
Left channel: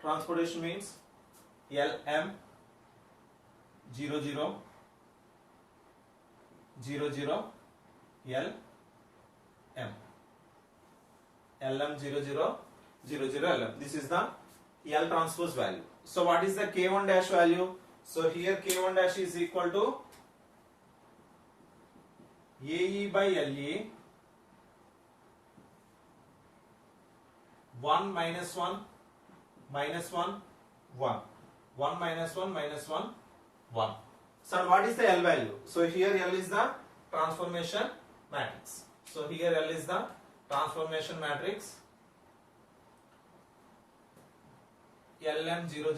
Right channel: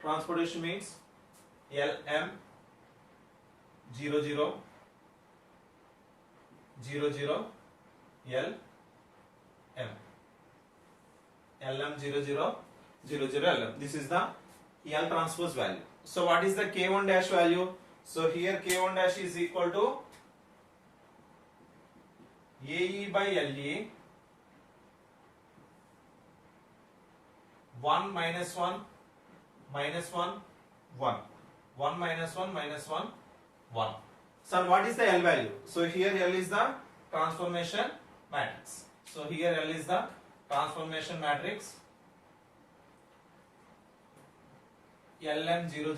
transportation means LM 00 LM LM00 LM. This is the L transpose value. So what is the K1 dash value? So here K1 dash is equal to AE by LE 1 minus 1 minus 1 1 1 minus 1 minus 1 1. So what is the L value? So here L is the transformation matrix. So here L is the transformation matrix. LM00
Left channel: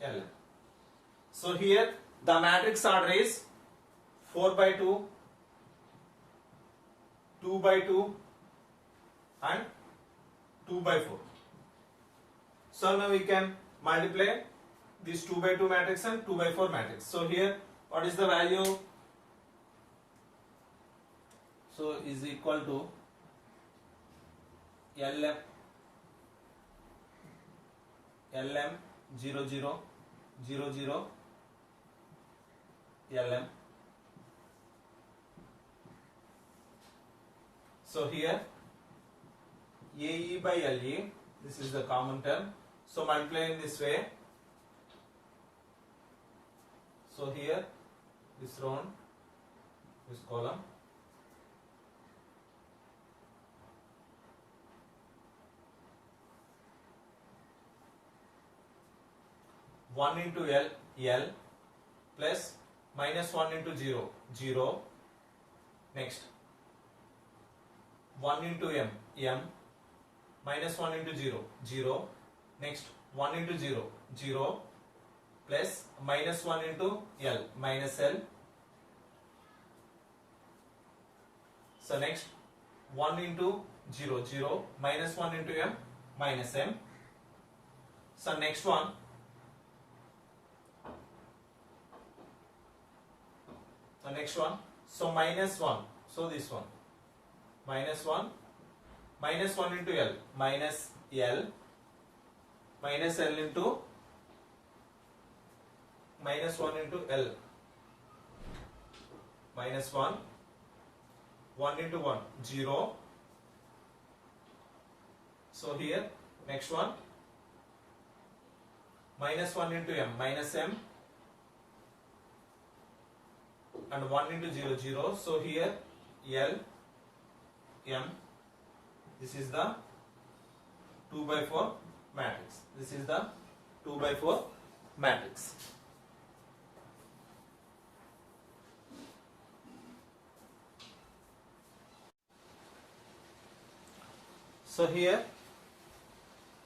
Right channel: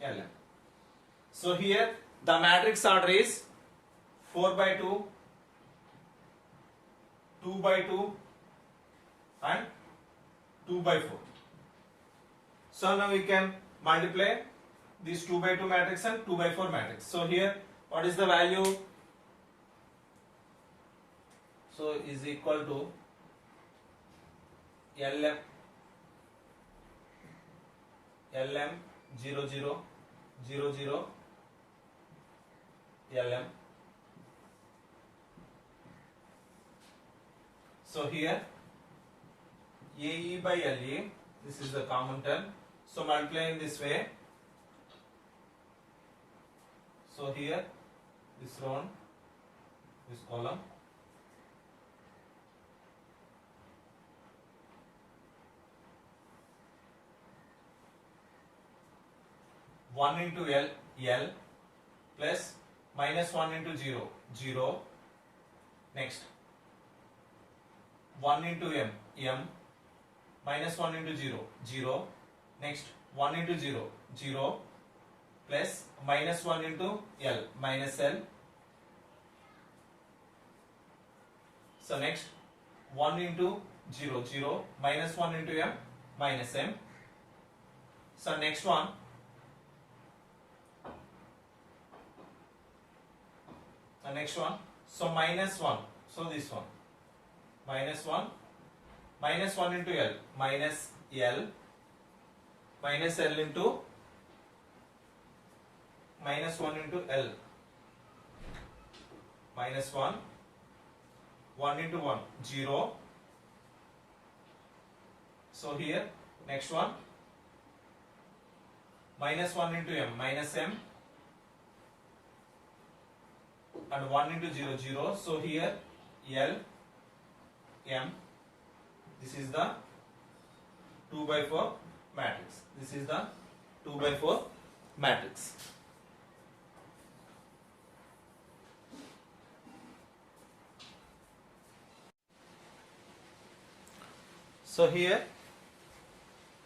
LM. So here the matrix order is 4 by 2, 2 by 2 and 2 by 4. So now we can multiply this 2 by 2 matrix and 2 by 4 matrix. So here what is the value? So is equal to LM 00 LM. So here AE by LE, this is the common term. So multiply in this way. So here this round, this column, one into L plus minus 1 into 0 next 1 into M minus 1 into 0 next 1 into 0 plus minus 1 into L minus L. So next 1 into 0 minus 1 into M minus M. So next one, the next one, so minus 1, so this one minus 1 into L minus L minus L into minus 1 into L minus 1 into 1 0. So here next one minus 1 into M minus M and 1 into 0. So here L M, this is the 2 by 4 matrix. This is the 2 by 4 matrix. So here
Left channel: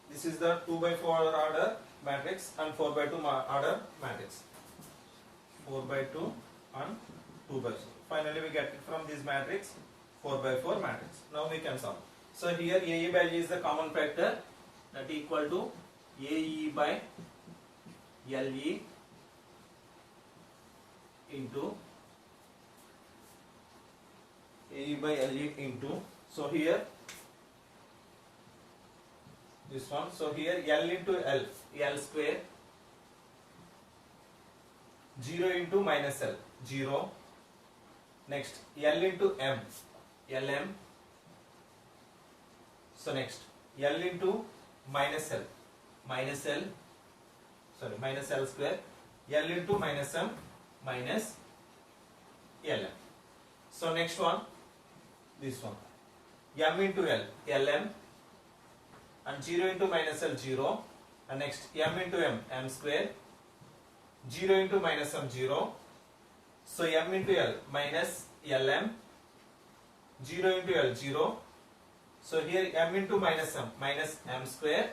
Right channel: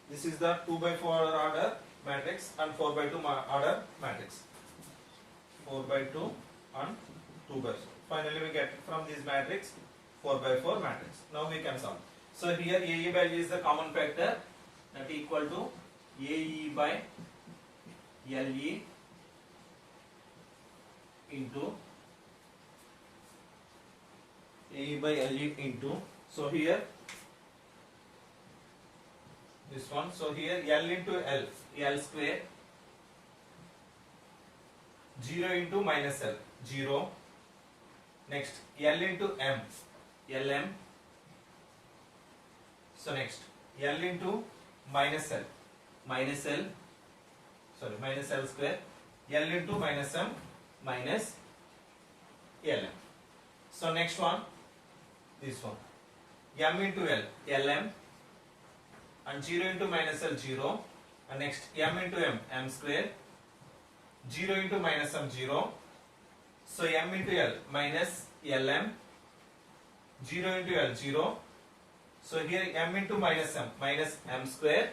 this is the 2 by 4 order matrix and 4 by 2 order matrix. 4 by 2 and 2 by 4. Finally we get it from this matrix 4 by 4 matrix. Now we can solve. So here AE value is the common factor, that equal to AE by LE into AE by LE into, so here this one, so here L into L square, 0 into minus L 0, next L into M LM, so next L into minus L minus L square, L into minus M minus LM. So next one, this one, M into L LM and 0 into minus L 0, and next M into M square, 0 into minus M 0, so M into L minus LM, 0 into L 0, so here M into minus M square,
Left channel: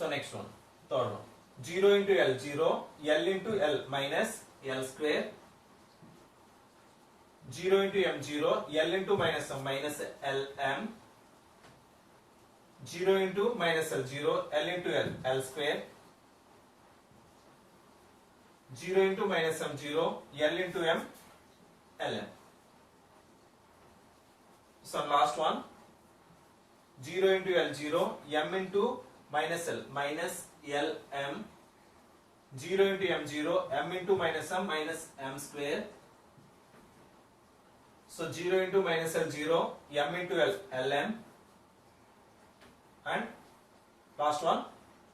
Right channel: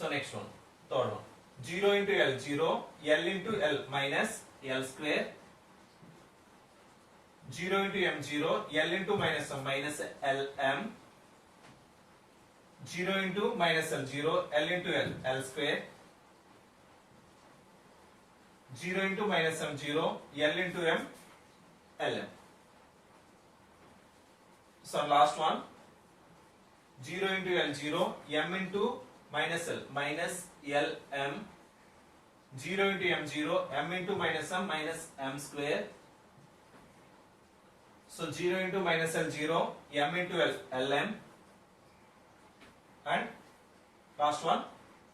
So next one, third one. 0 into L, 0. L into L minus L square. 0 into M, 0. L into minus M minus LM. 0 into minus L, 0. L into L, L square. 0 into minus M, 0. L into M, Lm. So last one. 0 into L, 0. M into minus L minus Lm. 0 into M, 0. M into minus M minus M square. So 0 into minus L, 0. M into L, Lm. And last one.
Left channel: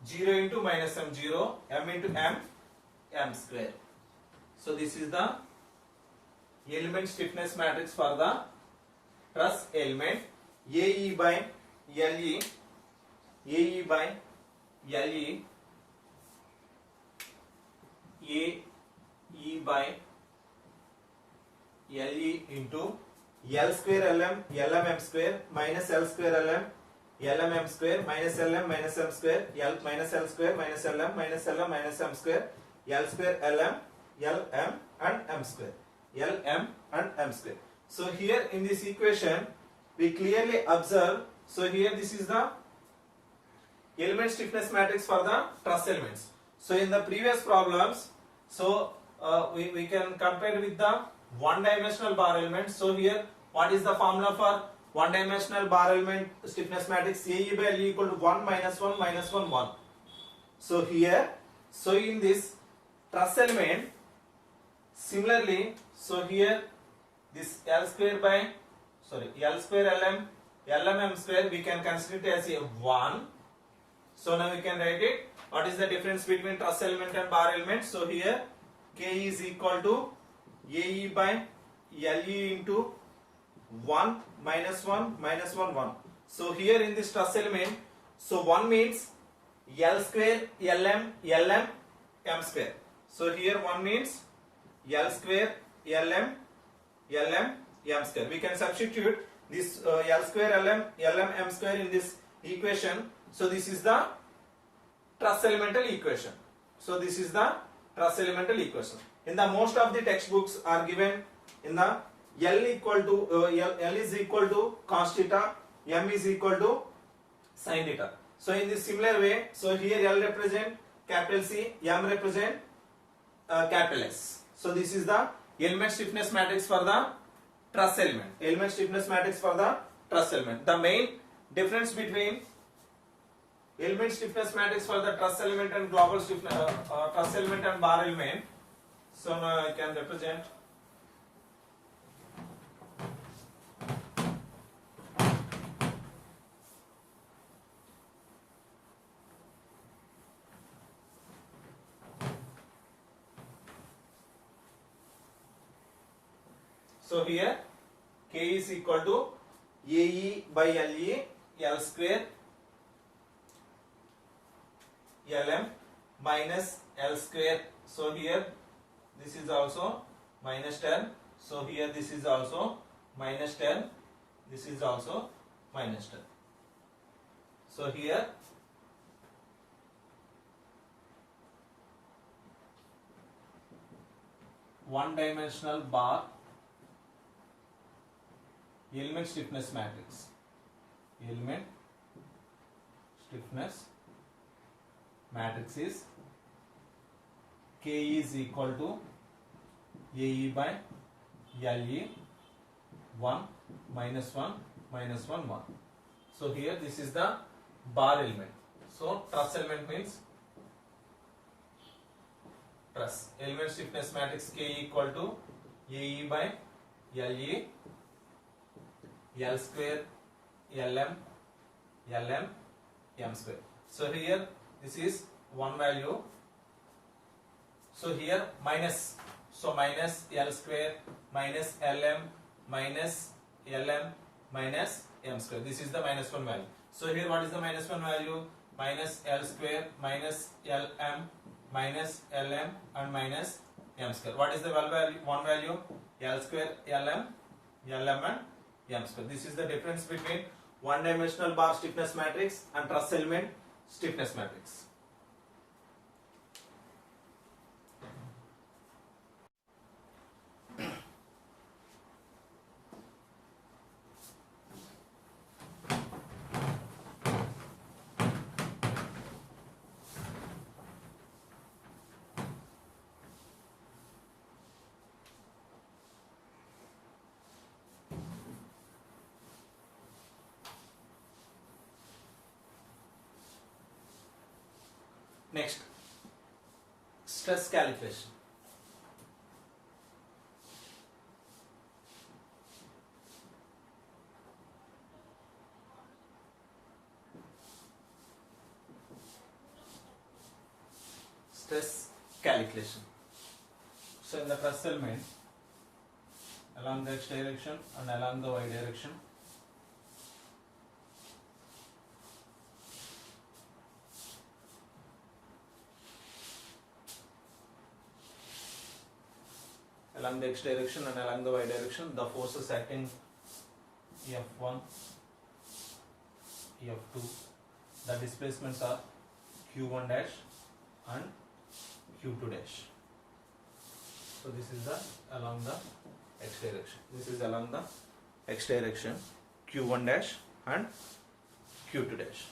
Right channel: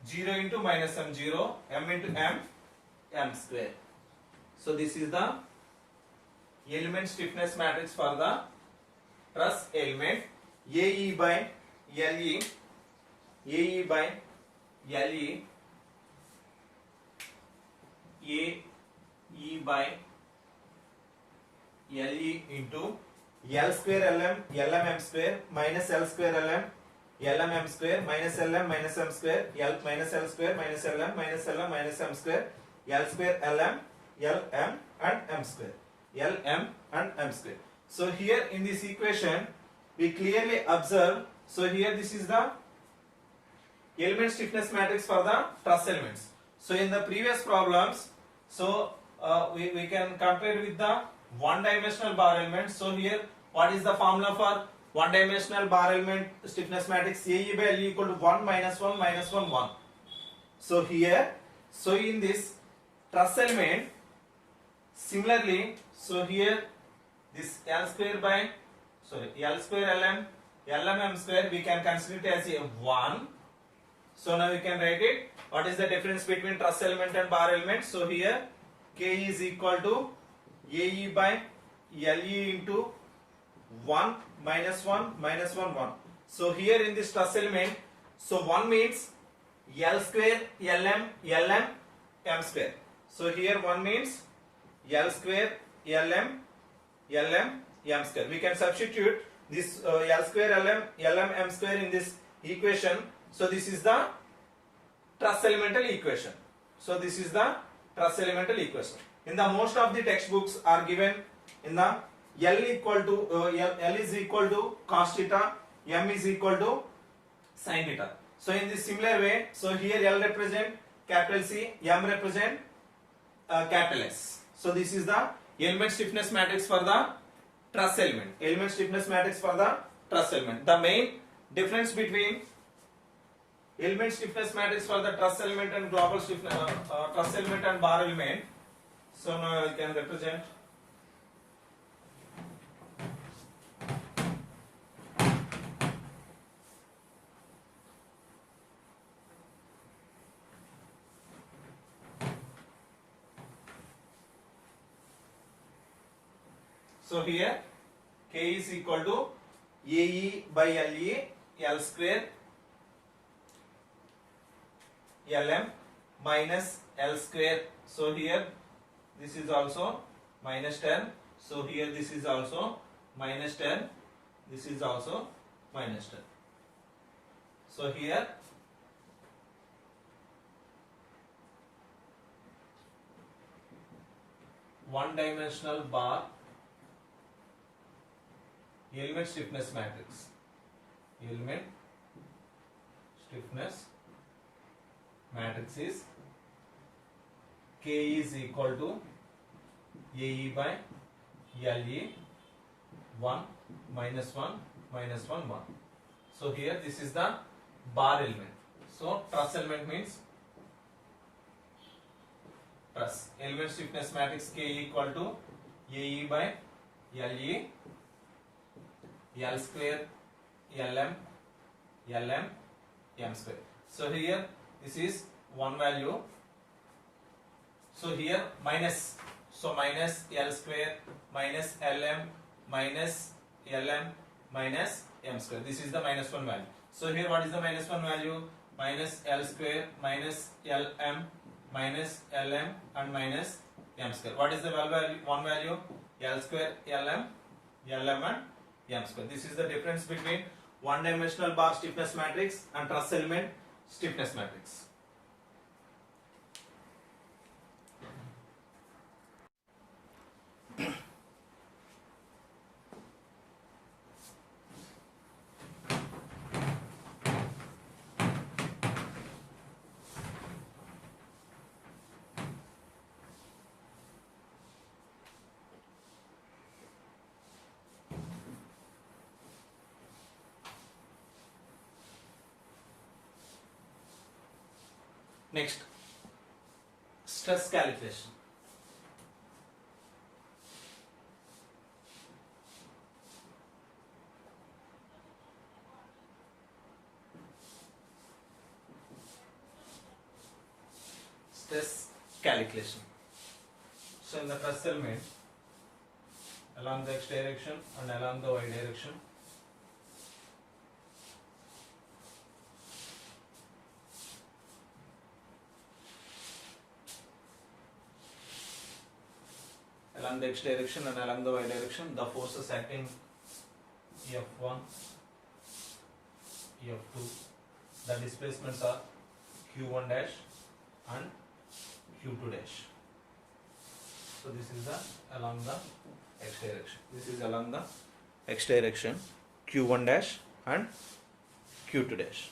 0 into minus M, 0. M into M, M square. So this is the element stiffness matrix for the truss element. AE by LE, AE by LE, AE by LE into L square LM, LM M square minus L square LM, LM M square minus LM minus M square, L minus L square minus LM minus LM minus M square, L square LM, LM and M square, LM and M square. So here in this equation we clearly observe, so here this is the element stiffness matrix for the truss elements. So in the previous problems, so we can compare with the one dimensional bar element. So here what is the formula for one dimensional bar element stiffness matrix? AE by LE equal to 1 minus 1 minus 1 1. So here, so in this truss element, similarly, so here this L square by, sorry, L square LM, LM M square we can consider it as a 1. So now we can write it. What is the difference between truss element and bar element? So here K is equal to AE by LE into 1 minus 1 minus 1 1. So here in this truss element, so 1 means L square LM LM M square. So here 1 means L square LM LM M square. We can substitute this L square LM LM M square in this equation. So this is the truss elemental equation. So this is the truss elemental equation. In the most of the textbooks are given in the L equal to L is equal to cos theta, M is equal to sin theta. So in this similar way, so here L represent capital C, M represent capital S. So this is the element stiffness matrix for the truss element. Element stiffness matrix for the truss element. The main difference between element stiffness matrix for the truss element and global stiffness truss element and bar element. So now I can represent. So here K is equal to AE by LE, L square LM minus L square. So here this is also minus 10. So here this is also minus 10. This is also minus 10. So here one dimensional bar element stiffness matrix. Element stiffness matrix is K is equal to AE by LE 1 minus 1 minus 1 1. So here this is the bar element. So truss element means truss. Element stiffness matrix K equal to AE by LE L square LM LM M square. So here this is one value. So here minus. So minus L square minus LM minus LM minus M square. This is the minus 1 value. So here what is the minus 1 value? Minus L square minus LM minus LM and minus M square. What is the value? One value? L square LM LM and M square. This is the difference between one dimensional bar stiffness matrix and truss element. stiffness matrix. Next, stress calculation. Stress calculation. So in the truss element, along the x direction and along the y direction, along the x direction and along the y direction, the forces acting F1, F2, the displacements are Q1 dash and Q2 dash. So this is the along the x direction. This is along the x direction, Q1 dash and Q2 dash.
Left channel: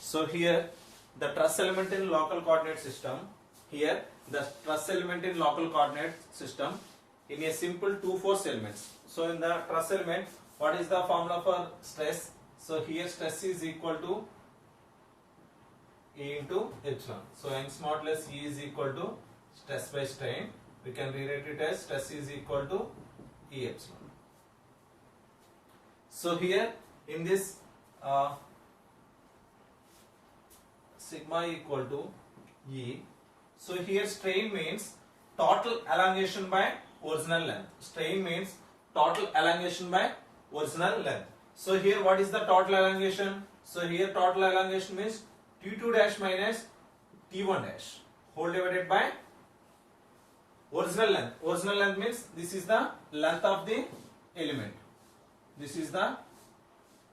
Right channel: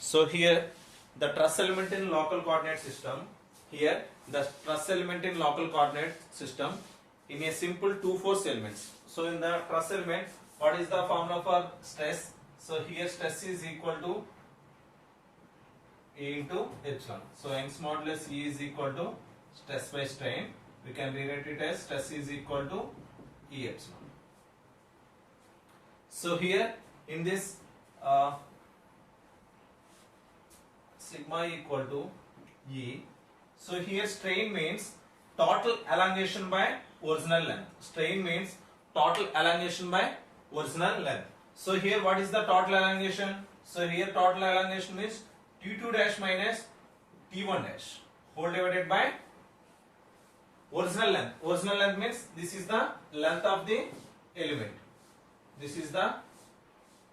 So here the truss element in local coordinate system. Here the truss element in local coordinate system in a simple two force elements. So in the truss element, what is the formula for stress? So here stress is equal to E into epsilon. So Young's modulus E is equal to stress by strain. We can rewrite it as stress is equal to E epsilon. So here in this sigma equal to E. So here strain means total elongation by original length. Strain means total elongation by original length. So here what is the total elongation? So here total elongation is T2 dash minus T1 dash whole divided by original length. Original length means this is the length of the element. This is the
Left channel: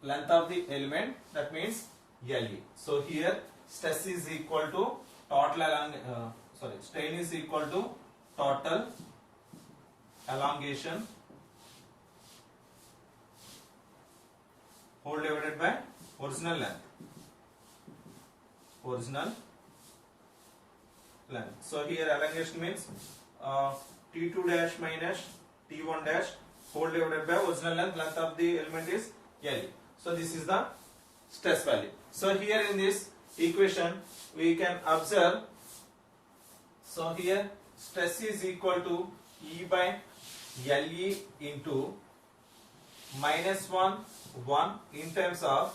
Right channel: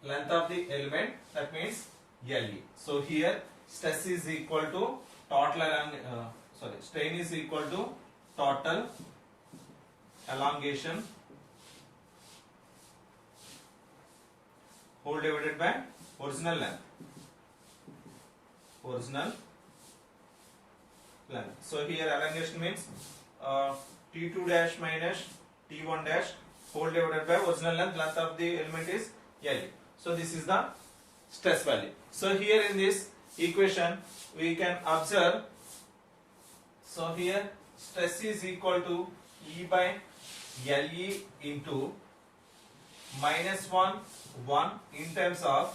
length of the element, that means LE. So here stress is equal to total strain is equal to total elongation whole divided by original length. Original length. So here elongation means T2 dash minus T1 dash whole divided by original length. Length of the element is LE. So this is the stress value. So here in this equation we can observe. So here stress is equal to E by LE into -1 in terms of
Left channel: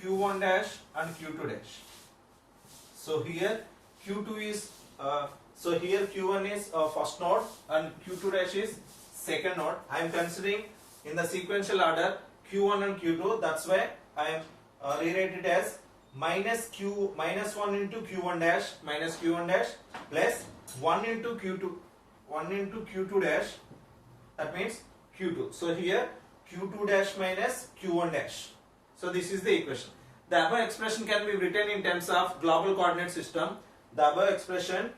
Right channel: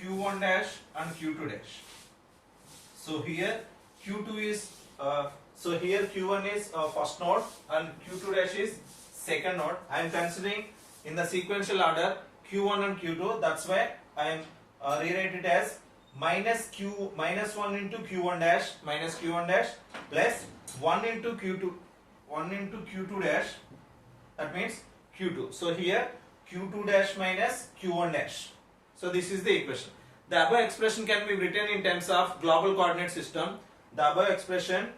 Q1 dash and Q2 dash. So here Q2 is so here Q1 is first node and Q2 dash is second node. I am considering in the sequential order Q1 and Q2. That's why I am rewrite it as -1 into Q1 dash minus Q1 dash plus 1 into Q2 dash, that means Q2. So here Q2 dash minus Q1 dash. So this is the equation. The above expression can be written in terms of global coordinate system. The above expression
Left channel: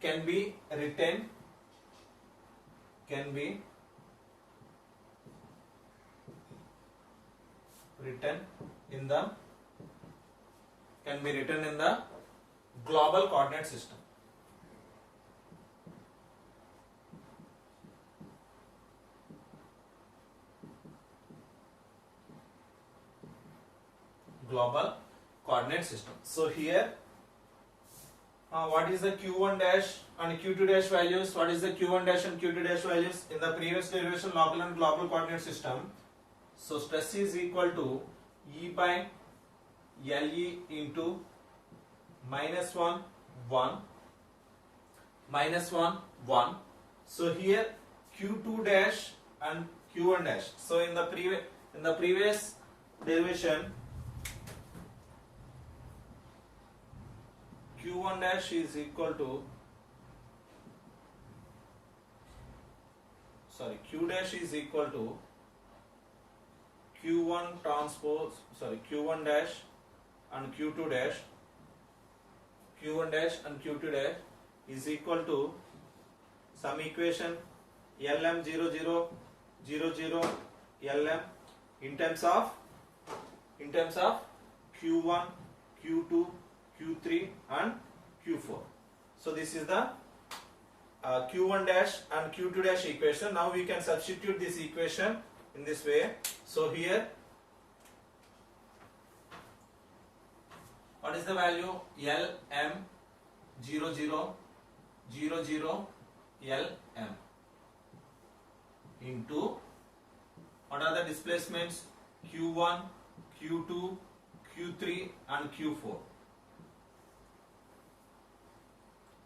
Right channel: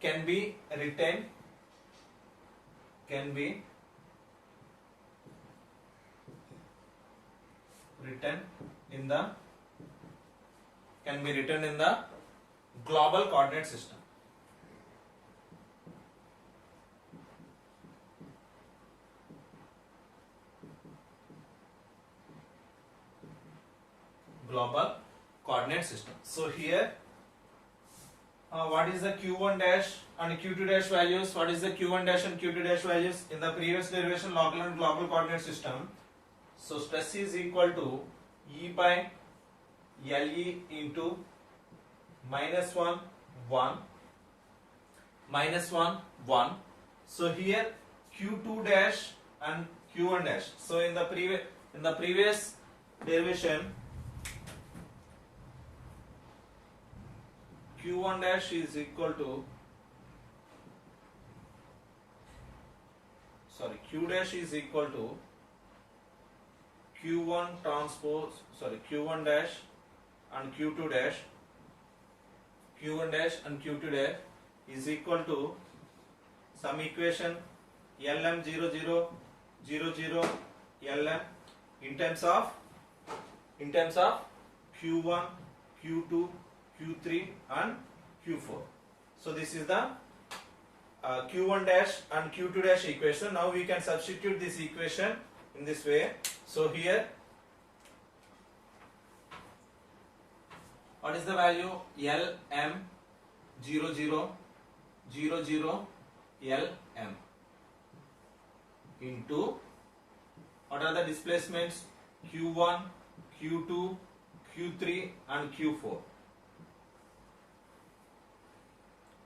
can be written in the global coordinate system. Global coordinate system. So here what is the Q1 dash and Q2 dash values? What is the Q1 dash and Q2 dash values in the previous derivation, local and global coordinate system? So stress is equal to E by LE into -1 1. So here Q2 dash and Q1 dash. So in the previous derivation Q1 dash is equal to, sorry, Q dash is equal to Q1 transpose, sorry, Q1 dash and Q2 dash, Q1 dash and Q2 dash is equal to some equation LM0000 LM in terms of Q1, Q2, Q3 and Q4. So this is the Q1 dash and Q2 dash equation. Now we can substitute this equation in this way. So here, what is the value? LM0000 LM into, what are the displacements? Q1, Q2, Q3 and Q4.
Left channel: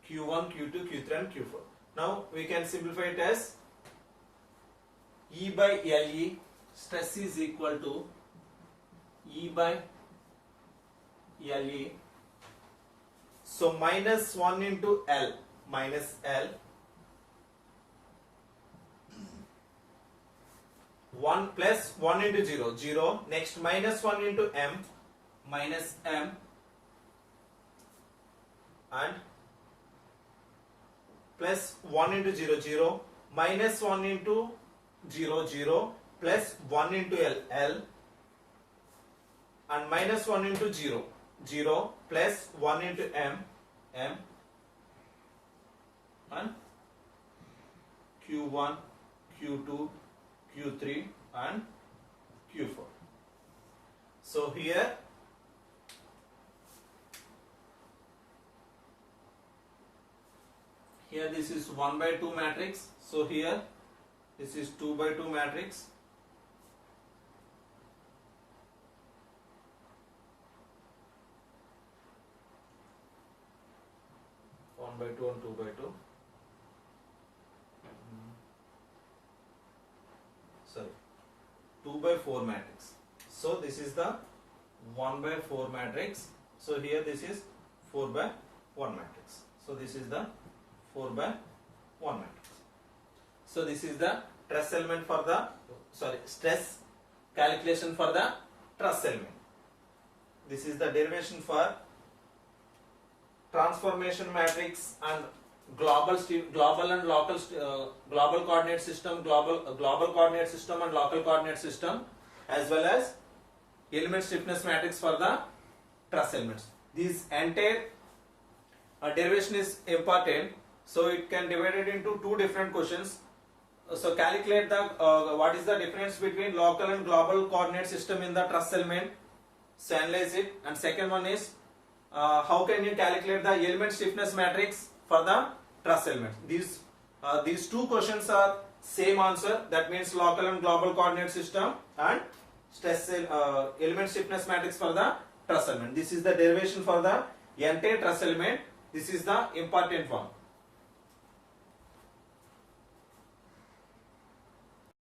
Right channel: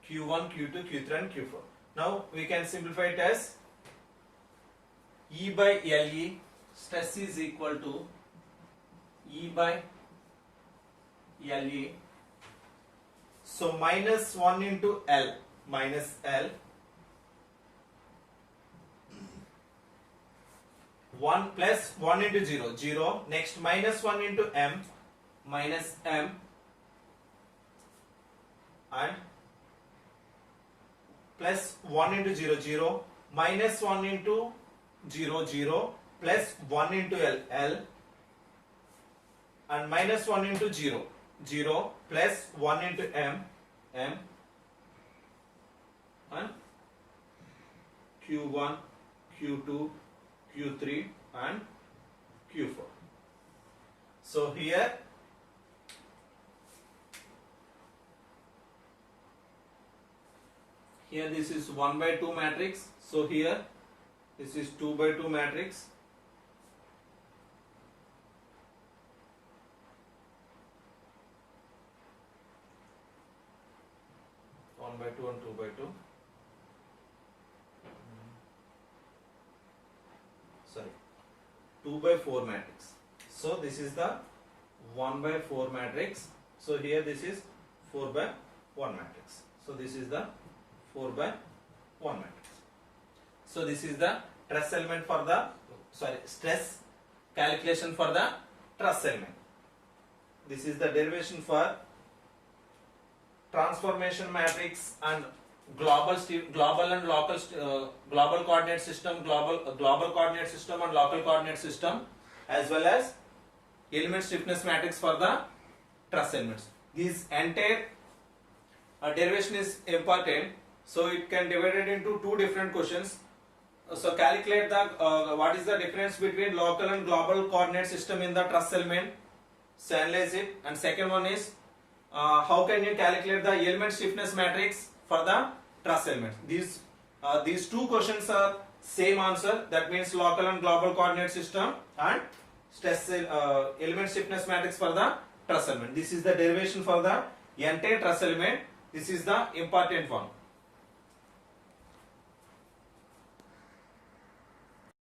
Q1, Q2, Q3 and Q4. Now we can simplify it as E by LE, stress is equal to E by LE. So minus 1 into L, minus L, 1 plus 1 into 0, 0. Next minus 1 into M, minus M, and plus 1 into 0, 0, minus 1 into 0, 0, plus 1 into L, L, and minus 1 into 0, 0, plus 1 into M, M, and Q1, Q2, Q3 and Q4. So here this is 1 by 2 matrix. So here this is 2 by 2 matrix. One by 2 and 2 by 2. Sorry, 2 by 4 matrix. So this is the 1 by 4 matrix. So here this is 4 by 1 matrix. So this is the 4 by 1 matrix. So this is the truss element for the, sorry, stress calculation for the truss element. This is the derivation for transformation matrix and global and local global coordinate system, global coordinate system and local coordinate system, as well as element stiffness matrix for the truss elements. This entire derivation is important, so it can divide it into two different questions. So calculate the what is the difference between local and global coordinate system in the truss element. So analyze it. And second one is how can you calculate the element stiffness matrix for the truss element. These two questions are same answer. That means local and global coordinate system and stress element stiffness matrix for the truss element. This is the derivation for the entire truss element. This is the important one.